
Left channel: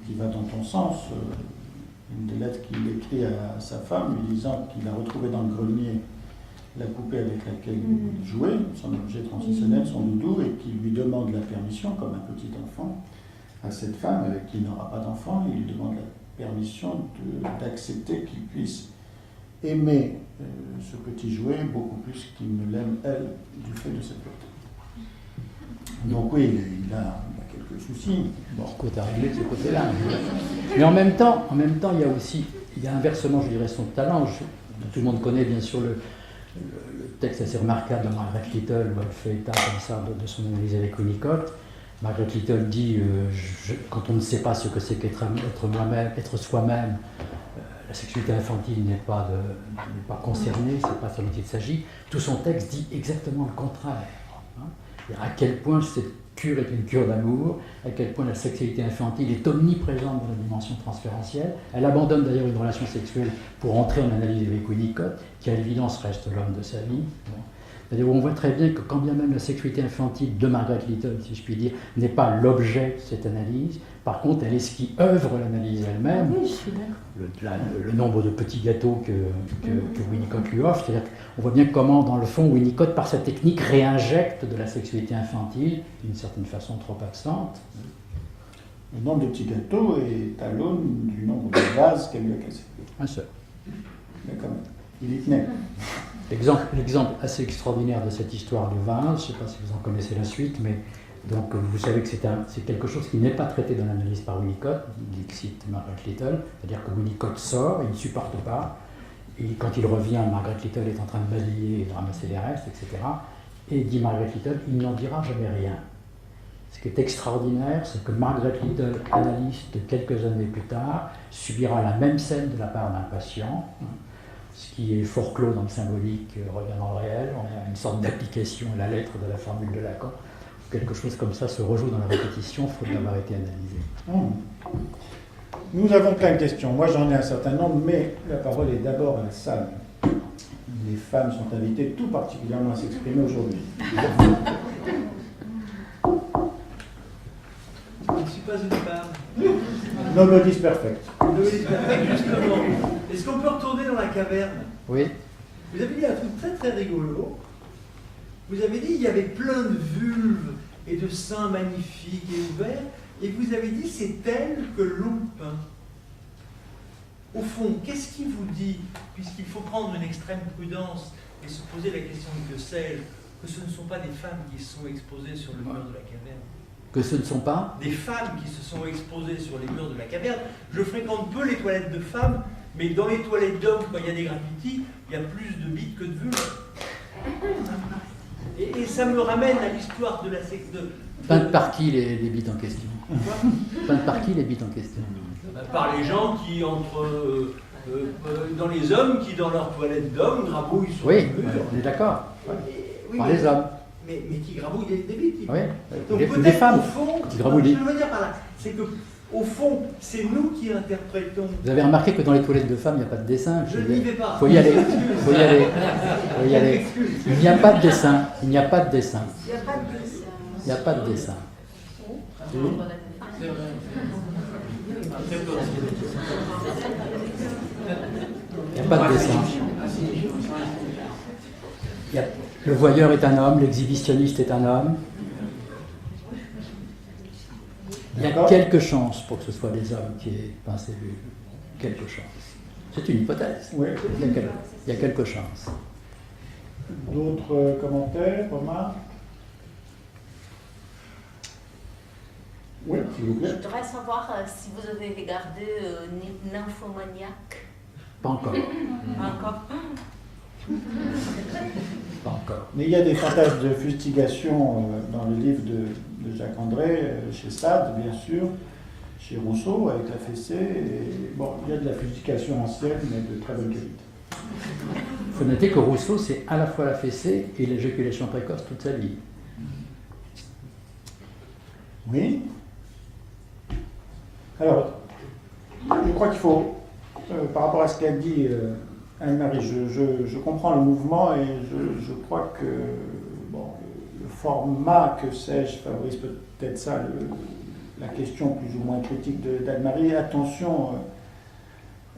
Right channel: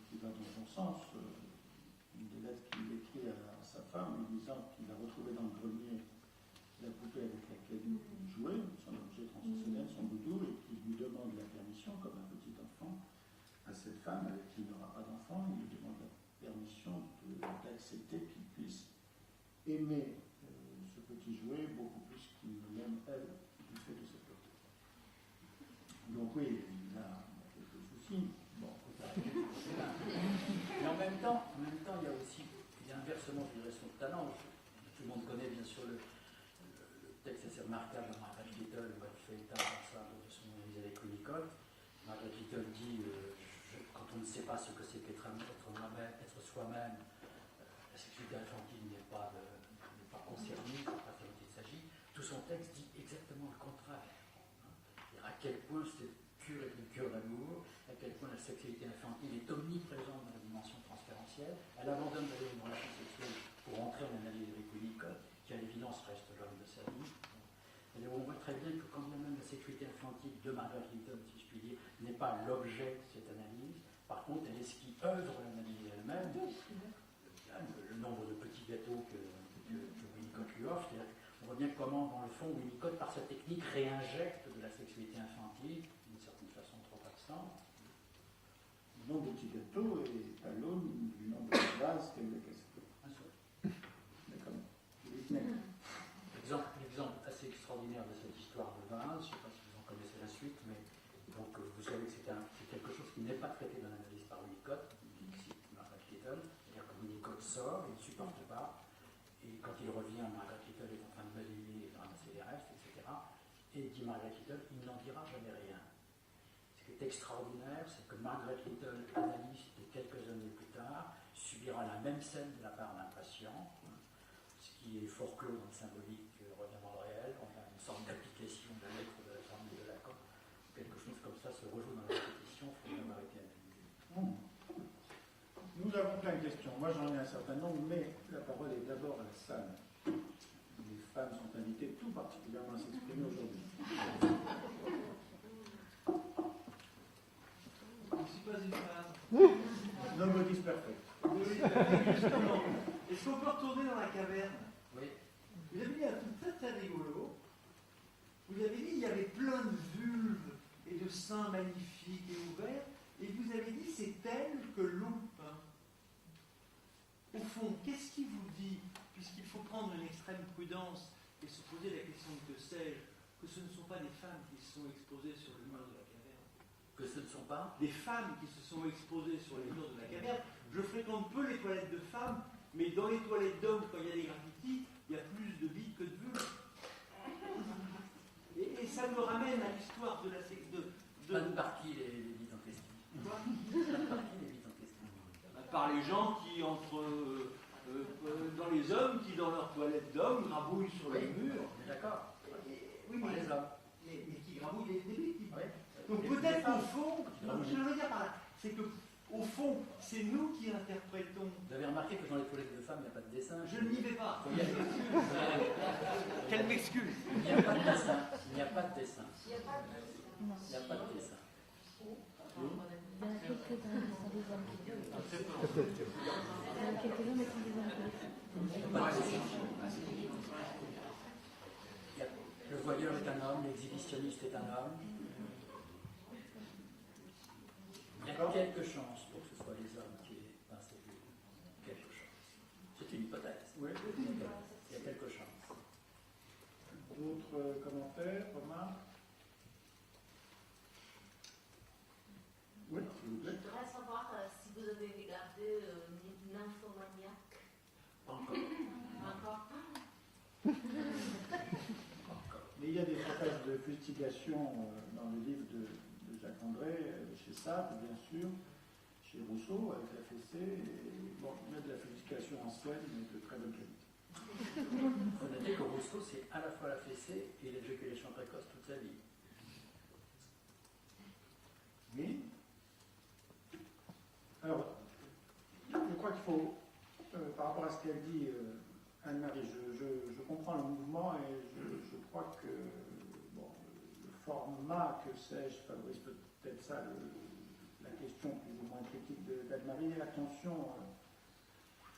qui va dans ton sens, une des lettres qu'il écrit à sa femme, lui disant qu'il a retrouvé dans le grenier la poupée avec laquelle il jouait, son objet transitionnel, son doudou, et qui lui demande la permission, comme un petit enfant, à cette femme avec qui il n'aura pas d'enfant, il lui demande la permission d'accepter qu'il puisse aimer ce petit jouet beaucoup plus qu'il ne l'aime elle, du fait de cette beauté. Donc oui, il a quelques soucis. Bon, côté à régler de ce côté-là. Mais en même temps, il y a inversement, je dirais, son talent. Tout le monde connaît bien sûr le texte assez remarquable de Margaret Little, où elle fait état comme ça de son analyse avec Winnicott. Margaret Little dit quand on ne sait pas ce que c'est qu'être moi-même, être soi-même, la sexualité infantile n'est pas concernée, c'est pas ça dont il s'agit. Tout son texte dit exactement le contraire. À quel point cette cure est une cure d'amour, à quel point la sexualité infantile est omniprésente dans la dimension transférentielle. Elle abandonne d'ailleurs une relation sexuelle pour entrer en analyse avec Winnicott, qui à l'évidence reste l'homme de sa vie. Bon. C'est-à-dire on voit très bien que quand bien même la sexualité infantile de Margaret Little, si je puis dire, n'est pas l'objet de cette analyse, par contre elle est ce qui œuvre l'analyse elle-même. Oui, je suis d'accord. Le nombre de petits gâteaux que Winnicott lui offre, c'est-à-dire qu'on voit bien comment, dans le fond, Winnicott, par sa technique, réinjecte de la sexualité infantile, d'une certaine façon trop absente. Le nombre de petits gâteaux est à l'aune du nombre de vases qu'elle lui a cassés. Un seul. Mais quand même, il y tenait. L'exemple assez extraordinaire de cette histoire de vase, je ne sais pas si vous en connaissez la suite, mais donc vous savez que c'est quelque chose qui n'est pas traité dans l'analyse par Winnicott, il cite Margaret Little, c'est-à-dire que Winnicott sort, il ne supporte pas, et quand il revient, Margaret Little est en train de balayer et de ramasser les restes, etc. Et dit Margaret Little, il n'en dira jamais rien. Ce qui est extraordinaire, c'est que Margaret Little, analyste quelques années plus tard, subira la même scène de la part d'un patient, ce qui est fort clos dans le symbolique, revient dans le réel, on a une sorte d'application à la lettre de la formule de Lacan. Quelque chose comme ça se rejoue dans la répétition, faute d'avoir été analysé. Nous avons plein de questions. Moi, j'en ai un certain nombre, mais la parole est d'abord à la salle. Les femmes sont invitées tout particulièrement à s'exprimer aujourd'hui. Je ne suis pas une femme. Nobody's perfect. Justement. Est-ce qu'on peut retourner dans la caverne? Oui. Vous avez dit un truc très très rigolo. Vous avez dit qu'il y avait plein de vulves et de seins magnifiques et ouverts, et vous avez dit c'est elle que l'on peint. Au fond, qu'est-ce qui vous dit, puisqu'il faut prendre une extrême prudence et se poser la question que sais-je, que ce ne sont pas des femmes qui sont exposées sur le mur de la caverne? Que ce ne sont pas Des femmes qui se sont exposées sur les murs de la caverne. Je fréquente peu les toilettes de femmes, mais dans les toilettes d'hommes, quand il y a des graffitis, il y a plus de bites que de vulves. Et ça me ramène à l'histoire de la sexe de... Peintes par qui les bites en question? Peintes par qui les bites en question? Par les gens qui dans les hommes qui dans leurs toilettes d'hommes grabouillent sur Oui, le mur. on est d'accord. Oui, Par les hommes. Mais qui grabouillent des bites. Oui, Donc des peut-être femmes. au fond, qui grabouillent. ce que je veux dire par là, c'est que au fond, c'est nous qui interprétons. Vous avez remarqué que dans les toilettes de femmes, il n'y a pas de dessin. Je n'y vais pas. Il faut y aller. Il faut y aller. Faut y aller. Il n'y a pas de dessin. Il n'y a pas de dessin. Il n'y a pas de dessin. Il n'y a pas de dessin. Le voyeur est un homme, l'exhibitionniste est un homme. Il y a quelques chances pour que ce soit des hommes qui aient peint ces vues. Quelques chances. C'est une hypothèse. Oui. Il y a quelques chances. D'autres commentaires, remarques? Oui, s'il vous plaît. Je voudrais savoir si vous avez regardé Nymphomaniac. Pas encore. Encore. Pas encore. Mais il y a des fantasmes de fustigation dans le livre de Jacques André, chez Sade, bien sûr, chez Rousseau, avec la fessée. Et, bon, il y a de la fustigation ancienne, mais de très bonne qualité. Il faut noter que Rousseau, c'est à la fois la fessée et l'éjaculation précoce toute sa vie. Oui. Alors, je crois qu'il faut, par rapport à ce qu'a dit Anne-Marie, je comprends le mouvement et je crois que bon, le format, que sais-je, favorise peut-être ça, la question plus ou moins critique d'Anne-Marie. Attention,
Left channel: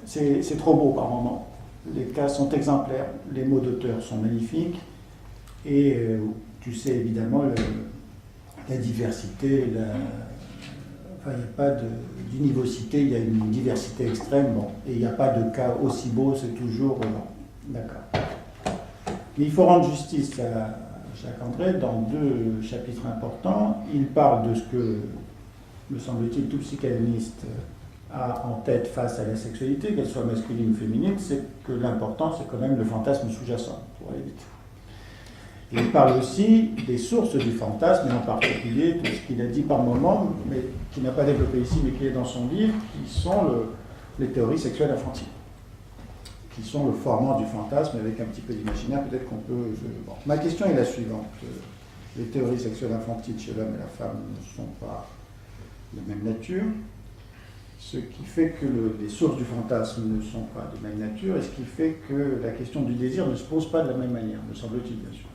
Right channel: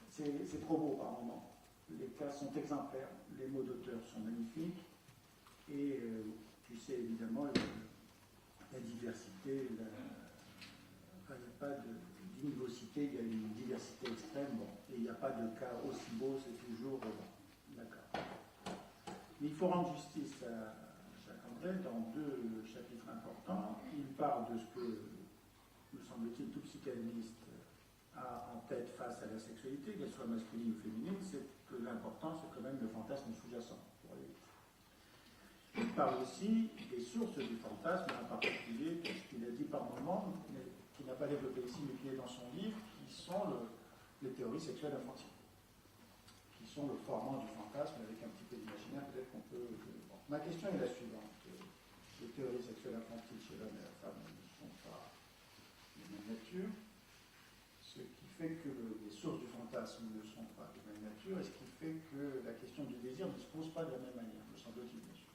c'est trop beau par moment. les cas sont exemplaires, les mots d'auteur sont magnifiques, et tu sais évidemment la diversité, enfin il n'y a pas d'univocité, il y a une diversité extrême, bon, et il n'y a pas de cas aussi beau, c'est toujours d'accord. Mais il faut rendre justice à Jacques André dans 2 chapitres importants. Il parle de ce que, me semble-t-il, tout psychanalyste a en tête face à la sexualité, qu'elle soit masculine ou féminine, c'est que l'important, c'est quand même le fantasme sous-jacent, pour aller vite. Et il parle aussi des sources du fantasme, et en particulier tout ce qu'il a dit par moment, mais qui n'a pas développé ici, mais qui est dans son livre, qui sont les théories sexuelles infantiles, qui sont le formant du fantasme avec un petit peu d'imaginaire, peut-être qu'on peut... Bon. Ma question est la suivante. Les théories sexuelles infantiles chez l'homme et la femme ne sont pas de même nature, ce qui fait que les sources du fantasme ne sont pas de même nature, et ce qui fait que la question du désir ne se pose pas de la même manière, me semble-t-il, bien sûr.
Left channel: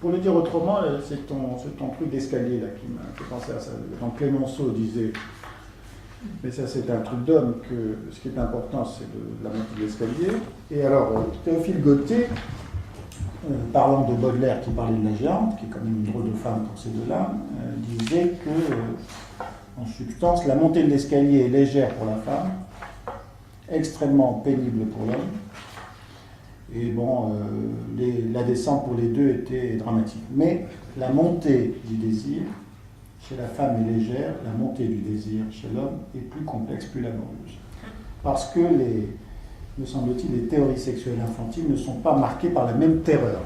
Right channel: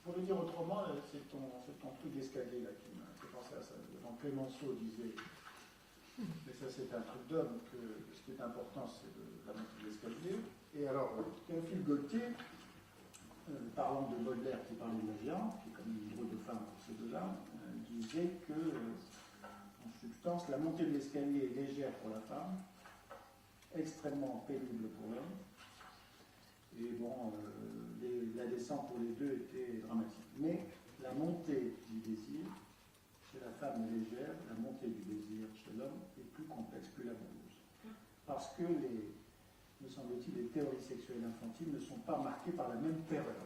Pour le dire autrement, c'est ton truc d'escalier là qui m'a fait penser à ça. Quand Clémenceau disait, mais ça c'est un truc d'homme, que ce qui est important c'est la montée de l'escalier. Et alors, Théophile Gautier, parlant de Baudelaire qui parlait de la géante, qui est quand même une drôle de femme pour ces deux-là, disait que, en substance, la montée de l'escalier est légère pour la femme, extrêmement pénible pour l'homme, et bon, la descente pour les deux était dramatique. Mais la montée du désir chez la femme est légère, la montée du désir chez l'homme est plus complexe, plus laborieuse. Parce que, me semble-t-il, les théories sexuelles infantiles ne sont pas marquées par la même terreur.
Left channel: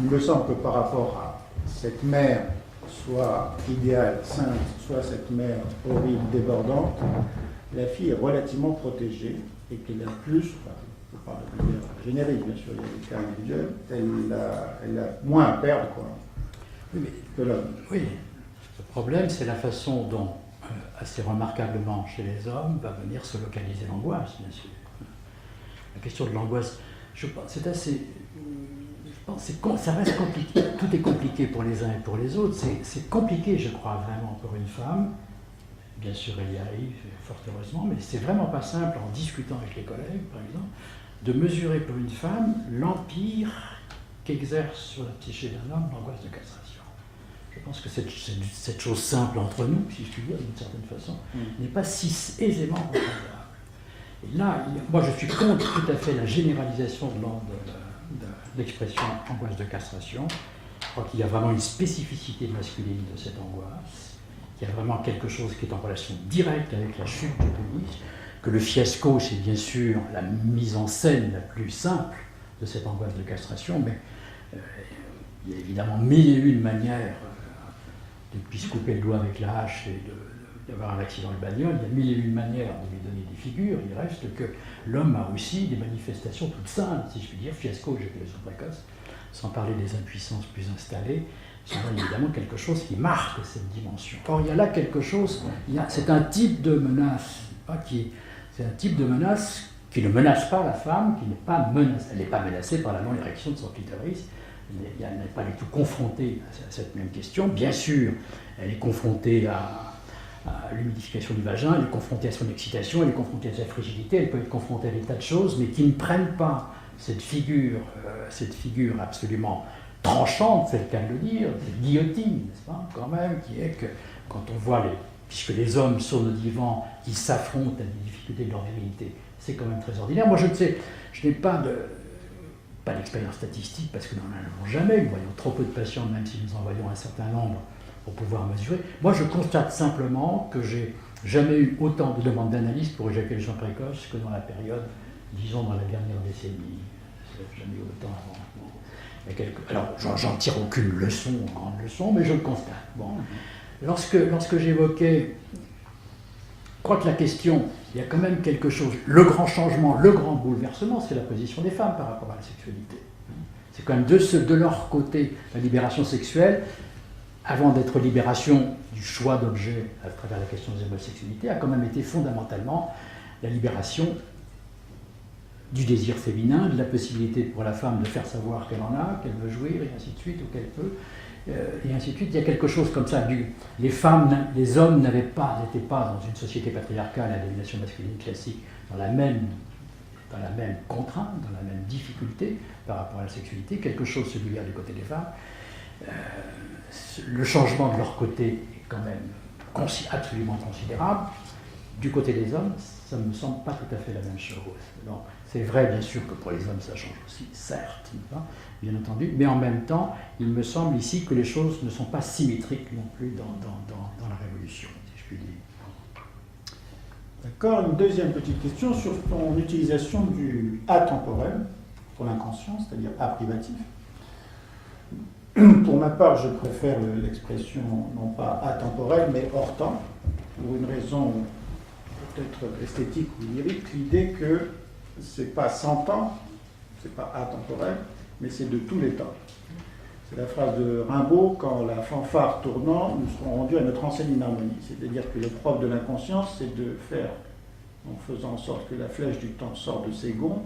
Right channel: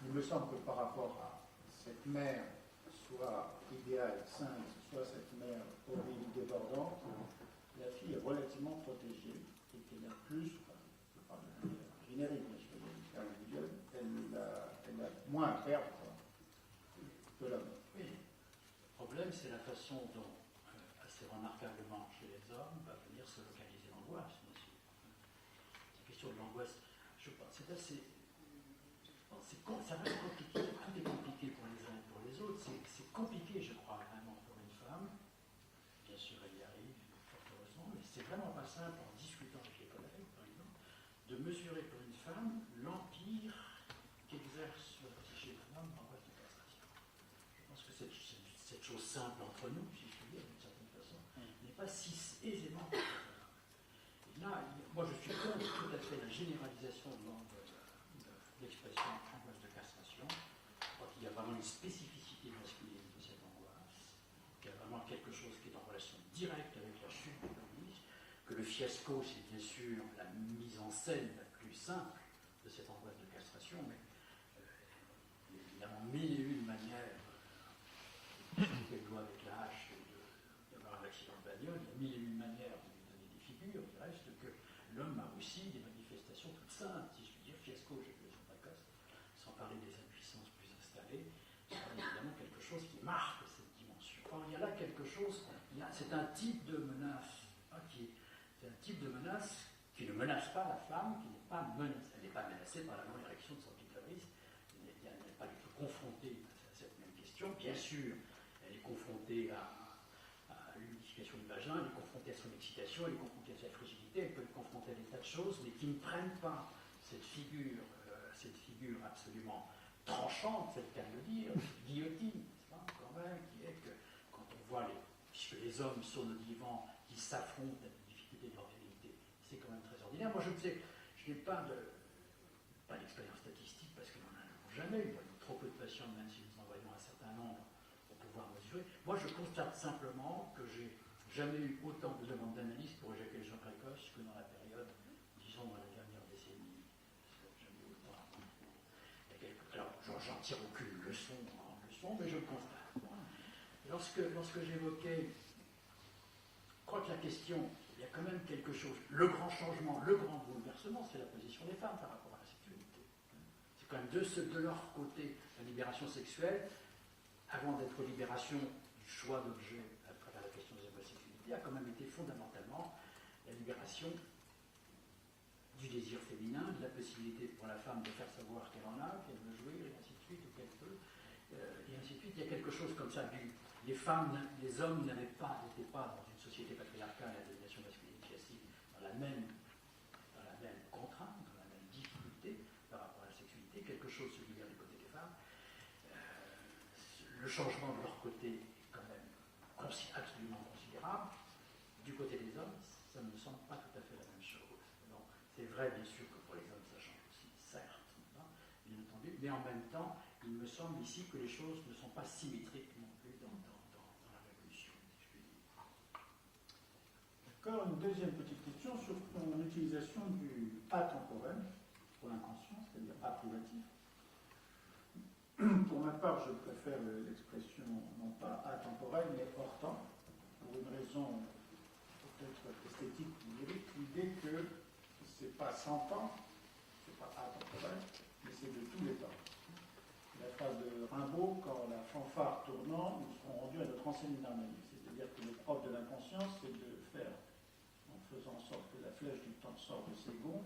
Il me semble que par rapport à cette mère, soit idéale, sainte, soit cette mère horrible, débordante, la fille est relativement protégée et qu'elle a plus, il faut parler de manière générique, bien sûr, il y a des cas individuels, elle a moins à perdre Oui, que l'homme. Oui, le problème, c'est la façon dont, assez remarquablement chez les hommes, va venir se localiser l'angoisse, bien sûr. La question de l'angoisse, je pense, c'est assez... ça reste compliqué, tout est compliqué pour les uns et pour les autres. C'est compliqué, je crois, vraiment pour une femme. Bien sûr, elle y arrive, fort heureusement, mais c'est vraiment pas simple, en discutant avec les collègues, par exemple, de mesurer pour une femme l'empire qu'exerce sur la psyché d'un homme l'angoisse de castration. Je pense que cette chose simple entre nous, si je puis dire, d'une certaine façon, n'est pas si aisément comprenable. Et là, moi, je suis contre tout à fait la généralisation de l'expression angoisse de castration. Je crois qu'il y a vraiment une spécificité masculine de cette angoisse, qu'il y a vraiment quelque chose qui est en relation directe avec la chute du pénis, que le fiasco, c'est bien sûr la mise en scène la plus simple de cette angoisse de castration, mais il y a évidemment 1001 manières de se couper le doigt avec la hache et d'avoir un accident de bagnole, il y a 1001 manières de lui donner des figures, il reste que l'homme a aussi des manifestations toutes simples, si je puis dire, fiasco, éjaculation précoce, sans parler des impuissances plus installées, c'est évidemment quelque chose qui marque cette dimension. Or, il y a là quelque chose, c'est un type de menace, c'est un type de menace qui ne menace pas la femme, qui n'est pas menacée, elle n'est pas menacée par la non-érection de son clitoris, elle n'est pas du tout confrontée à cette même question. Bien sûr, elle est confrontée à l'humidification du vagin, elle est confrontée à son excitation, elle est confrontée à sa frigidité, elle peut être confrontée à des tas de choses, mais qui ne prennent pas cette figure absolument tranchante, c'est le cas de le dire, cette guillotine, n'est-ce pas, quand même, qui est que quand on voit puisque les hommes sont nos divans qui s'affrontent à des difficultés de leur virilité, c'est quand même très ordinaire. Moi, je n'ai pas d'expérience statistique, parce que nous n'en avons jamais, nous voyons trop peu de patients, même si nous en voyons un certain nombre, pour pouvoir mesurer. Moi, je constate simplement que j'ai jamais eu autant de demandes d'analyse pour éjaculation précoce que dans la période, disons, dans la dernière décennie. Jamais eu autant avant. Alors, j'en tire aucune leçon, grande leçon, mais je le constate. Bon. Lorsque j'évoquais, je crois que la question, il y a quand même quelque chose, le grand changement, le grand bouleversement, c'est la position des femmes par rapport à la sexualité. C'est quand même de leur côté, la libération sexuelle, avant d'être libération du choix d'objet à travers la question des homosexualités, a quand même été fondamentalement la libération du désir féminin, de la possibilité pour la femme de faire savoir qu'elle en a, qu'elle veut jouir, et ainsi de suite, ou qu'elle peut, et ainsi de suite. Il y a quelque chose comme ça. Les hommes n'étaient pas dans une société patriarcale à domination masculine classique, dans la même dans la même contrainte, dans la même difficulté par rapport à la sexualité, quelque chose se libère du côté des femmes. Le changement de leur côté est quand même absolument considérable. Du côté des hommes, ça ne me semble pas tout à fait la même chose. Donc, c'est vrai, bien sûr, que pour les hommes, ça change aussi, certes, bien entendu, mais en même temps, il me semble ici que les choses ne sont pas symétriques non plus dans la Révolution, si je puis dire. D'accord, une deuxième petite question sur ton utilisation du atemporel pour l'inconscient, c'est-à-dire a privatif. Pour ma part, je préfère l'expression non pas atemporel, mais hors temps, pour une raison peut-être esthétique ou lyrique, l'idée que c'est pas sans temps, c'est pas atemporel, mais c'est de tous les temps. C'est la phrase de Rimbaud, quand la fanfare tournant, nous serons rendus à notre enseigne une harmonie. C'est-à-dire que le propre de l'inconscience, c'est de faire, en faisant en sorte que la flèche du temps sorte de ses gonds,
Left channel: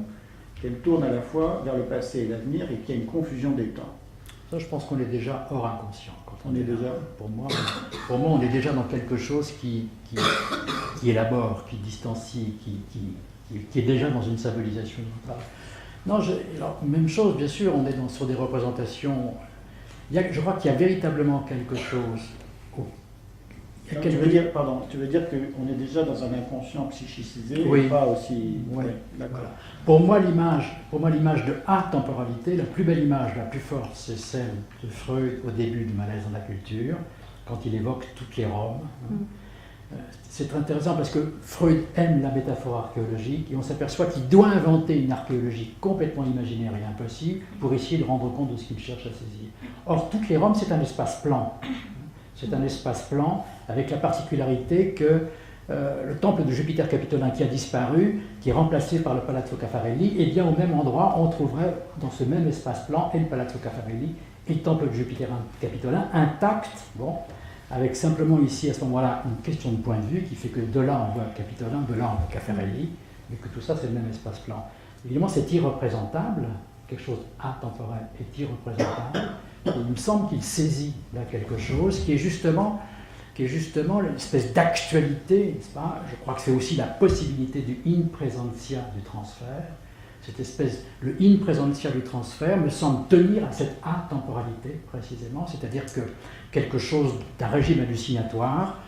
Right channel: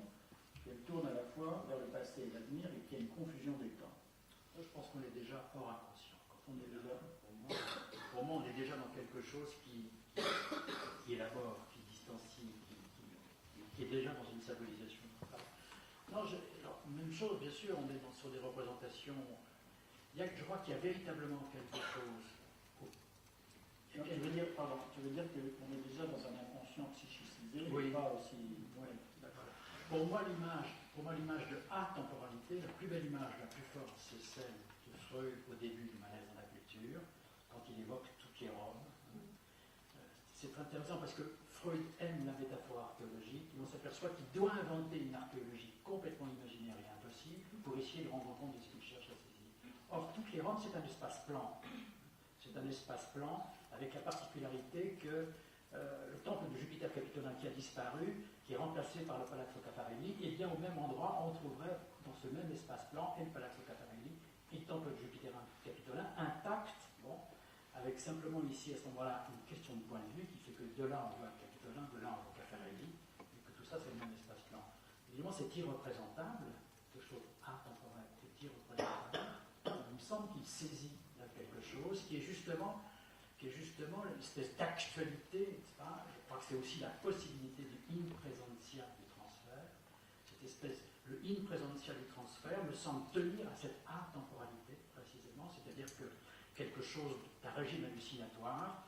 qu'elle tourne à la fois vers le passé et l'avenir et qu'il y ait une confusion des temps. Ça, je pense qu'on est déjà hors inconscient. Quand On est déjà. Pour moi, on est déjà dans quelque chose qui élabore, qui distancie, qui est déjà dans une symbolisation. Non, alors, même chose, bien sûr, on est sur des représentations. Je crois qu'il y a véritablement quelque chose. Tu veux dire qu'on est déjà dans un inconscient psychicisé, oui. Et pas aussi. Oui. D'accord. Voilà. Pour moi, l'image de atemporalité, la plus belle image, la plus forte, c'est celle de Freud au début du Malaise dans la culture, quand il évoque toutes les Roms. C'est très intéressant parce que Freud aime la métaphore archéologique et on s'aperçoit qu'il doit inventer une archéologie complètement imaginaire et impossible pour essayer de rendre compte de ce qu'il cherche à saisir. Or, toutes les Roms, c'est un espace plan. C'est un espace plan avec la particularité que le temple de Jupiter capitolin qui a disparu, qui est remplacé par le Palazzo Caffarelli, et bien au même endroit, on trouverait dans ce même espace plan et le Palazzo Caffarelli et le temple de Jupiter capitolin intact, bon, avec simplement ici à ce moment-là une question de point de vue qui fait que de là on voit le Capitolin, de là on voit Caffarelli, mais que tout ça c'est le même espace plan. Évidemment c'est irreprésentable, quelque chose atemporel est irreprésentable, et il me semble qu'il saisit là quelque chose qui est justement l'espèce d'actualité, n'est-ce pas ? Je crois que c'est aussi la possibilité du in presentia du transfert. Cette espèce, le in presentia du transfert me semble tenir à cette atemporalité précisément, c'est-à-dire que quelque chose d'un régime hallucinatoire,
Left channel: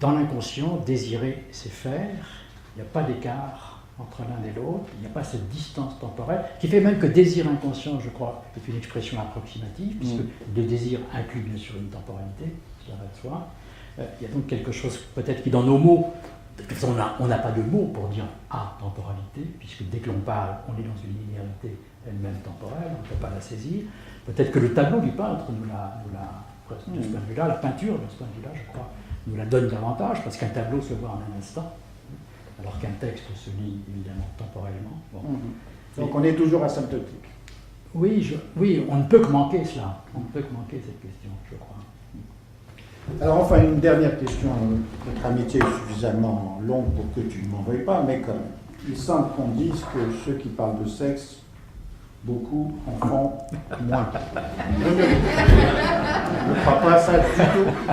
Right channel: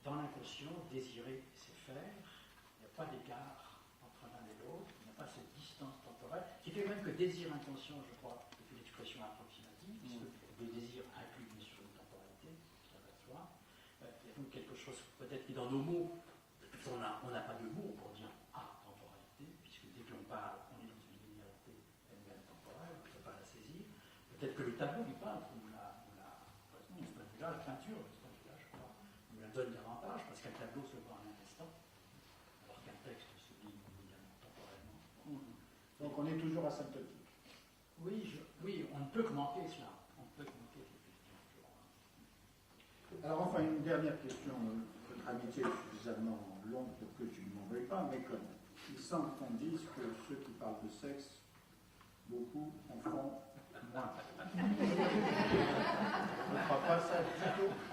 dans l'inconscient, désirer, c'est faire, il n'y a pas d'écart entre l'un et l'autre, il n'y a pas cette distance temporelle, qui fait même que désir inconscient, je crois, est une expression approximative, puisque le désir inclut bien sûr une temporalité, cela va de soi. Il y a donc quelque chose peut-être qui dans nos mots, de toute façon on n'a pas de mots pour dire atemporalité, puisque dès que l'on parle, on est dans une linéarité elle-même temporelle, on ne peut pas la saisir. Peut-être que le tableau du peintre nous l'a de ce point de vue-là, la peinture de ce point de vue-là, je crois, nous la donne davantage, parce qu'un tableau se voit en un instant, alors qu'un texte se lit évidemment temporellement. Bon. Donc on est toujours asymptotique. Oui, on ne peut que manquer cela, on ne peut que manquer cette question, je crois. Alors enfin, une dernière question. Notre amitié est suffisamment longue pour que tu ne m'en veuilles pas, mais comme il semble qu'on dise que ceux qui parlent de sexe, beaucoup en font moins. Je ne crois pas à ça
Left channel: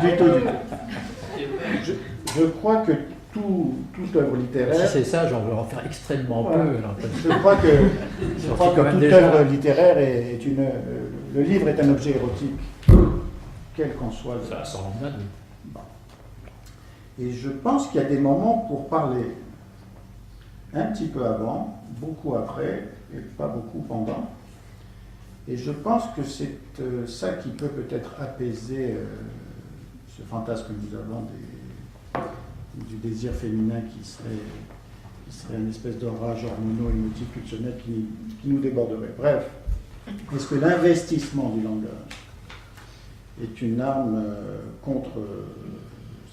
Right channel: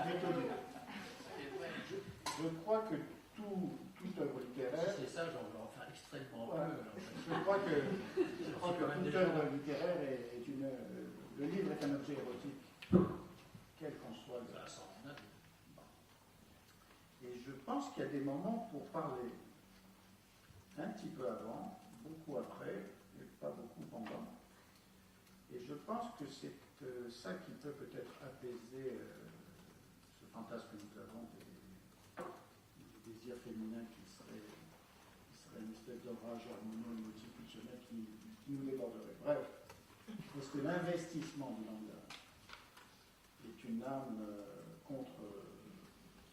du tout. Je crois que toute œuvre littéraire... Si c'est ça, j'en veux en faire extrêmement peu. Alors, je crois que toute œuvre littéraire est une... Le livre est un objet érotique, quel qu'en soit le... Ça sort en bon. Et je pense qu'il y a des moments pour parler un petit peu avant, beaucoup après, et pas beaucoup pendant. Et je pense que c'est ça qui peut peut-être apaiser ce fantasme que nous avons du désir féminin qui serait une espèce d'orage hormonaux-émotif pulsionnel qui nous déborderait. Bref, est-ce que l'investissement du langage est une arme contre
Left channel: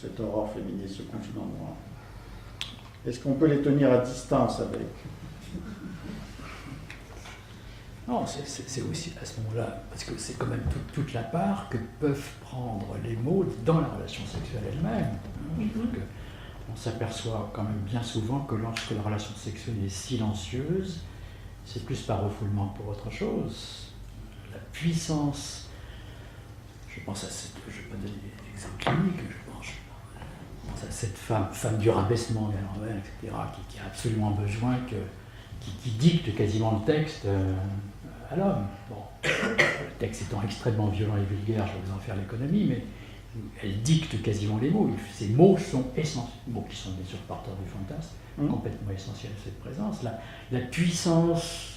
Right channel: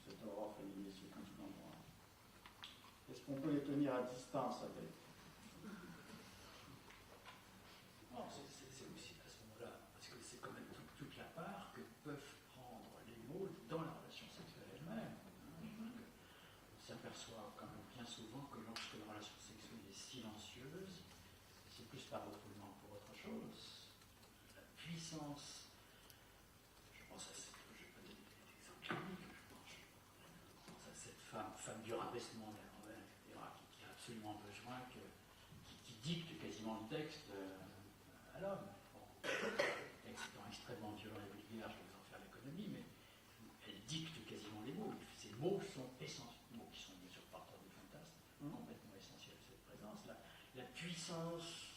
cette aurore féministe, ce continent noir? Est-ce qu'on peut les tenir à distance avec? Non, c'est aussi à ce moment-là, parce que c'est quand même toute la part que peuvent prendre les mots dans la relation sexuelle elle-même. On s'aperçoit quand même bien souvent que lorsque la relation sexuelle est silencieuse, c'est plus par refoulement que pour autre chose. La puissance, je pense à cette, je ne vais pas donner d'exemple clinique, je pense à cette femme du rabaissement, etc., qui a absolument besoin qui dicte quasiment le texte à l'homme. Bon, le texte étant extrêmement violent et vulgaire, je vais vous en faire l'économie, mais elle dicte quasiment les mots. Ces mots sont essentiels, mots qui sont bien sûr porteurs du fantasme, complètement essentiels à cette présence. La puissance,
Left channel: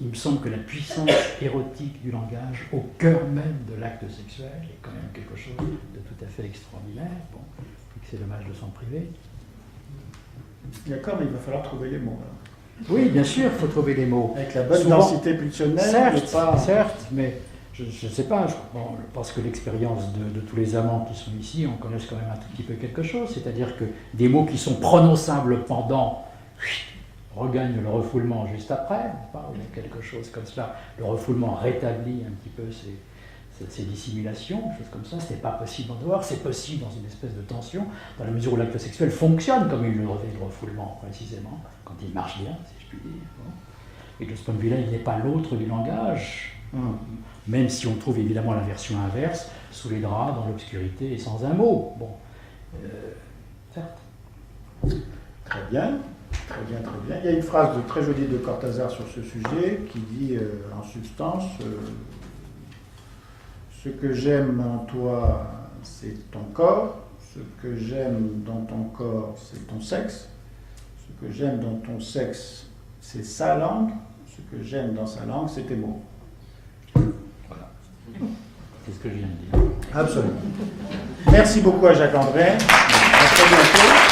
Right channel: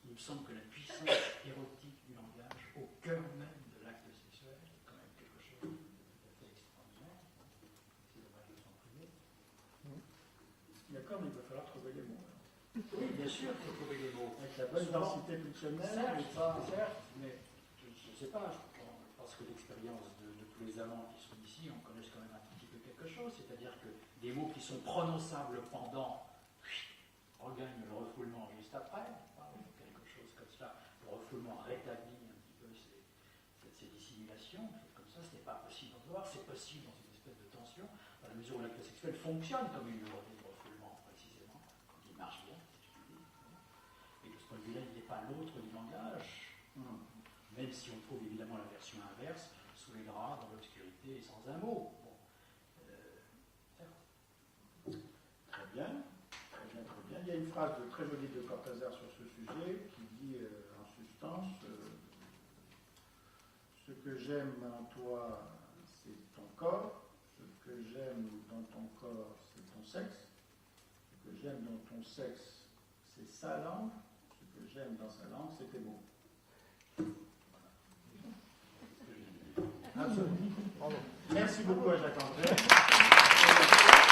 il me semble que la puissance érotique du langage au cœur même de l'acte sexuel est quand même quelque chose de tout à fait extraordinaire. Bon, et que c'est dommage de s'en priver. D'accord, mais il va falloir trouver les mots. Alors. Oui, bien sûr, il faut trouver les mots. Avec la bonne Souvent, densité pulsionnelle, certes, mais je ne sais pas, je pense que l'expérience de tous les amants qui sont ici, on connaît quand même un tout petit peu quelque chose, c'est-à-dire que des mots qui sont prononçables pendant regagnent le refoulement juste après, ou quelque chose comme cela. Le refoulement rétablit un petit peu ces dissimulations, choses comme ça. Ce n'est pas possible en dehors, c'est possible dans une espèce de tension, dans la mesure où l'acte sexuel fonctionne comme il le refoulement, précisément, quand il marche bien, si je puis dire. Bon. Et de ce point de vue-là, il n'est pas l'autre du langage, même si on trouve évidemment la version inverse, sous les draps, dans l'obscurité et sans un mot. Bon, certes. Très bien. Très bien, très bien. Il y a une phrase très jolie de Cortázar sur ce sujet qui dit en substance ce que j'aime en toi, c'est ton corps, ce que j'aime dans ton corps, c'est ton sexe, ce que j'aime dans ton sexe, c'est sa langue, ce que j'aime dans sa langue, c'est tes mots. Voilà. C'est ce que je viens de dire. Absolument. Merci beaucoup à Jacques André. À très bientôt.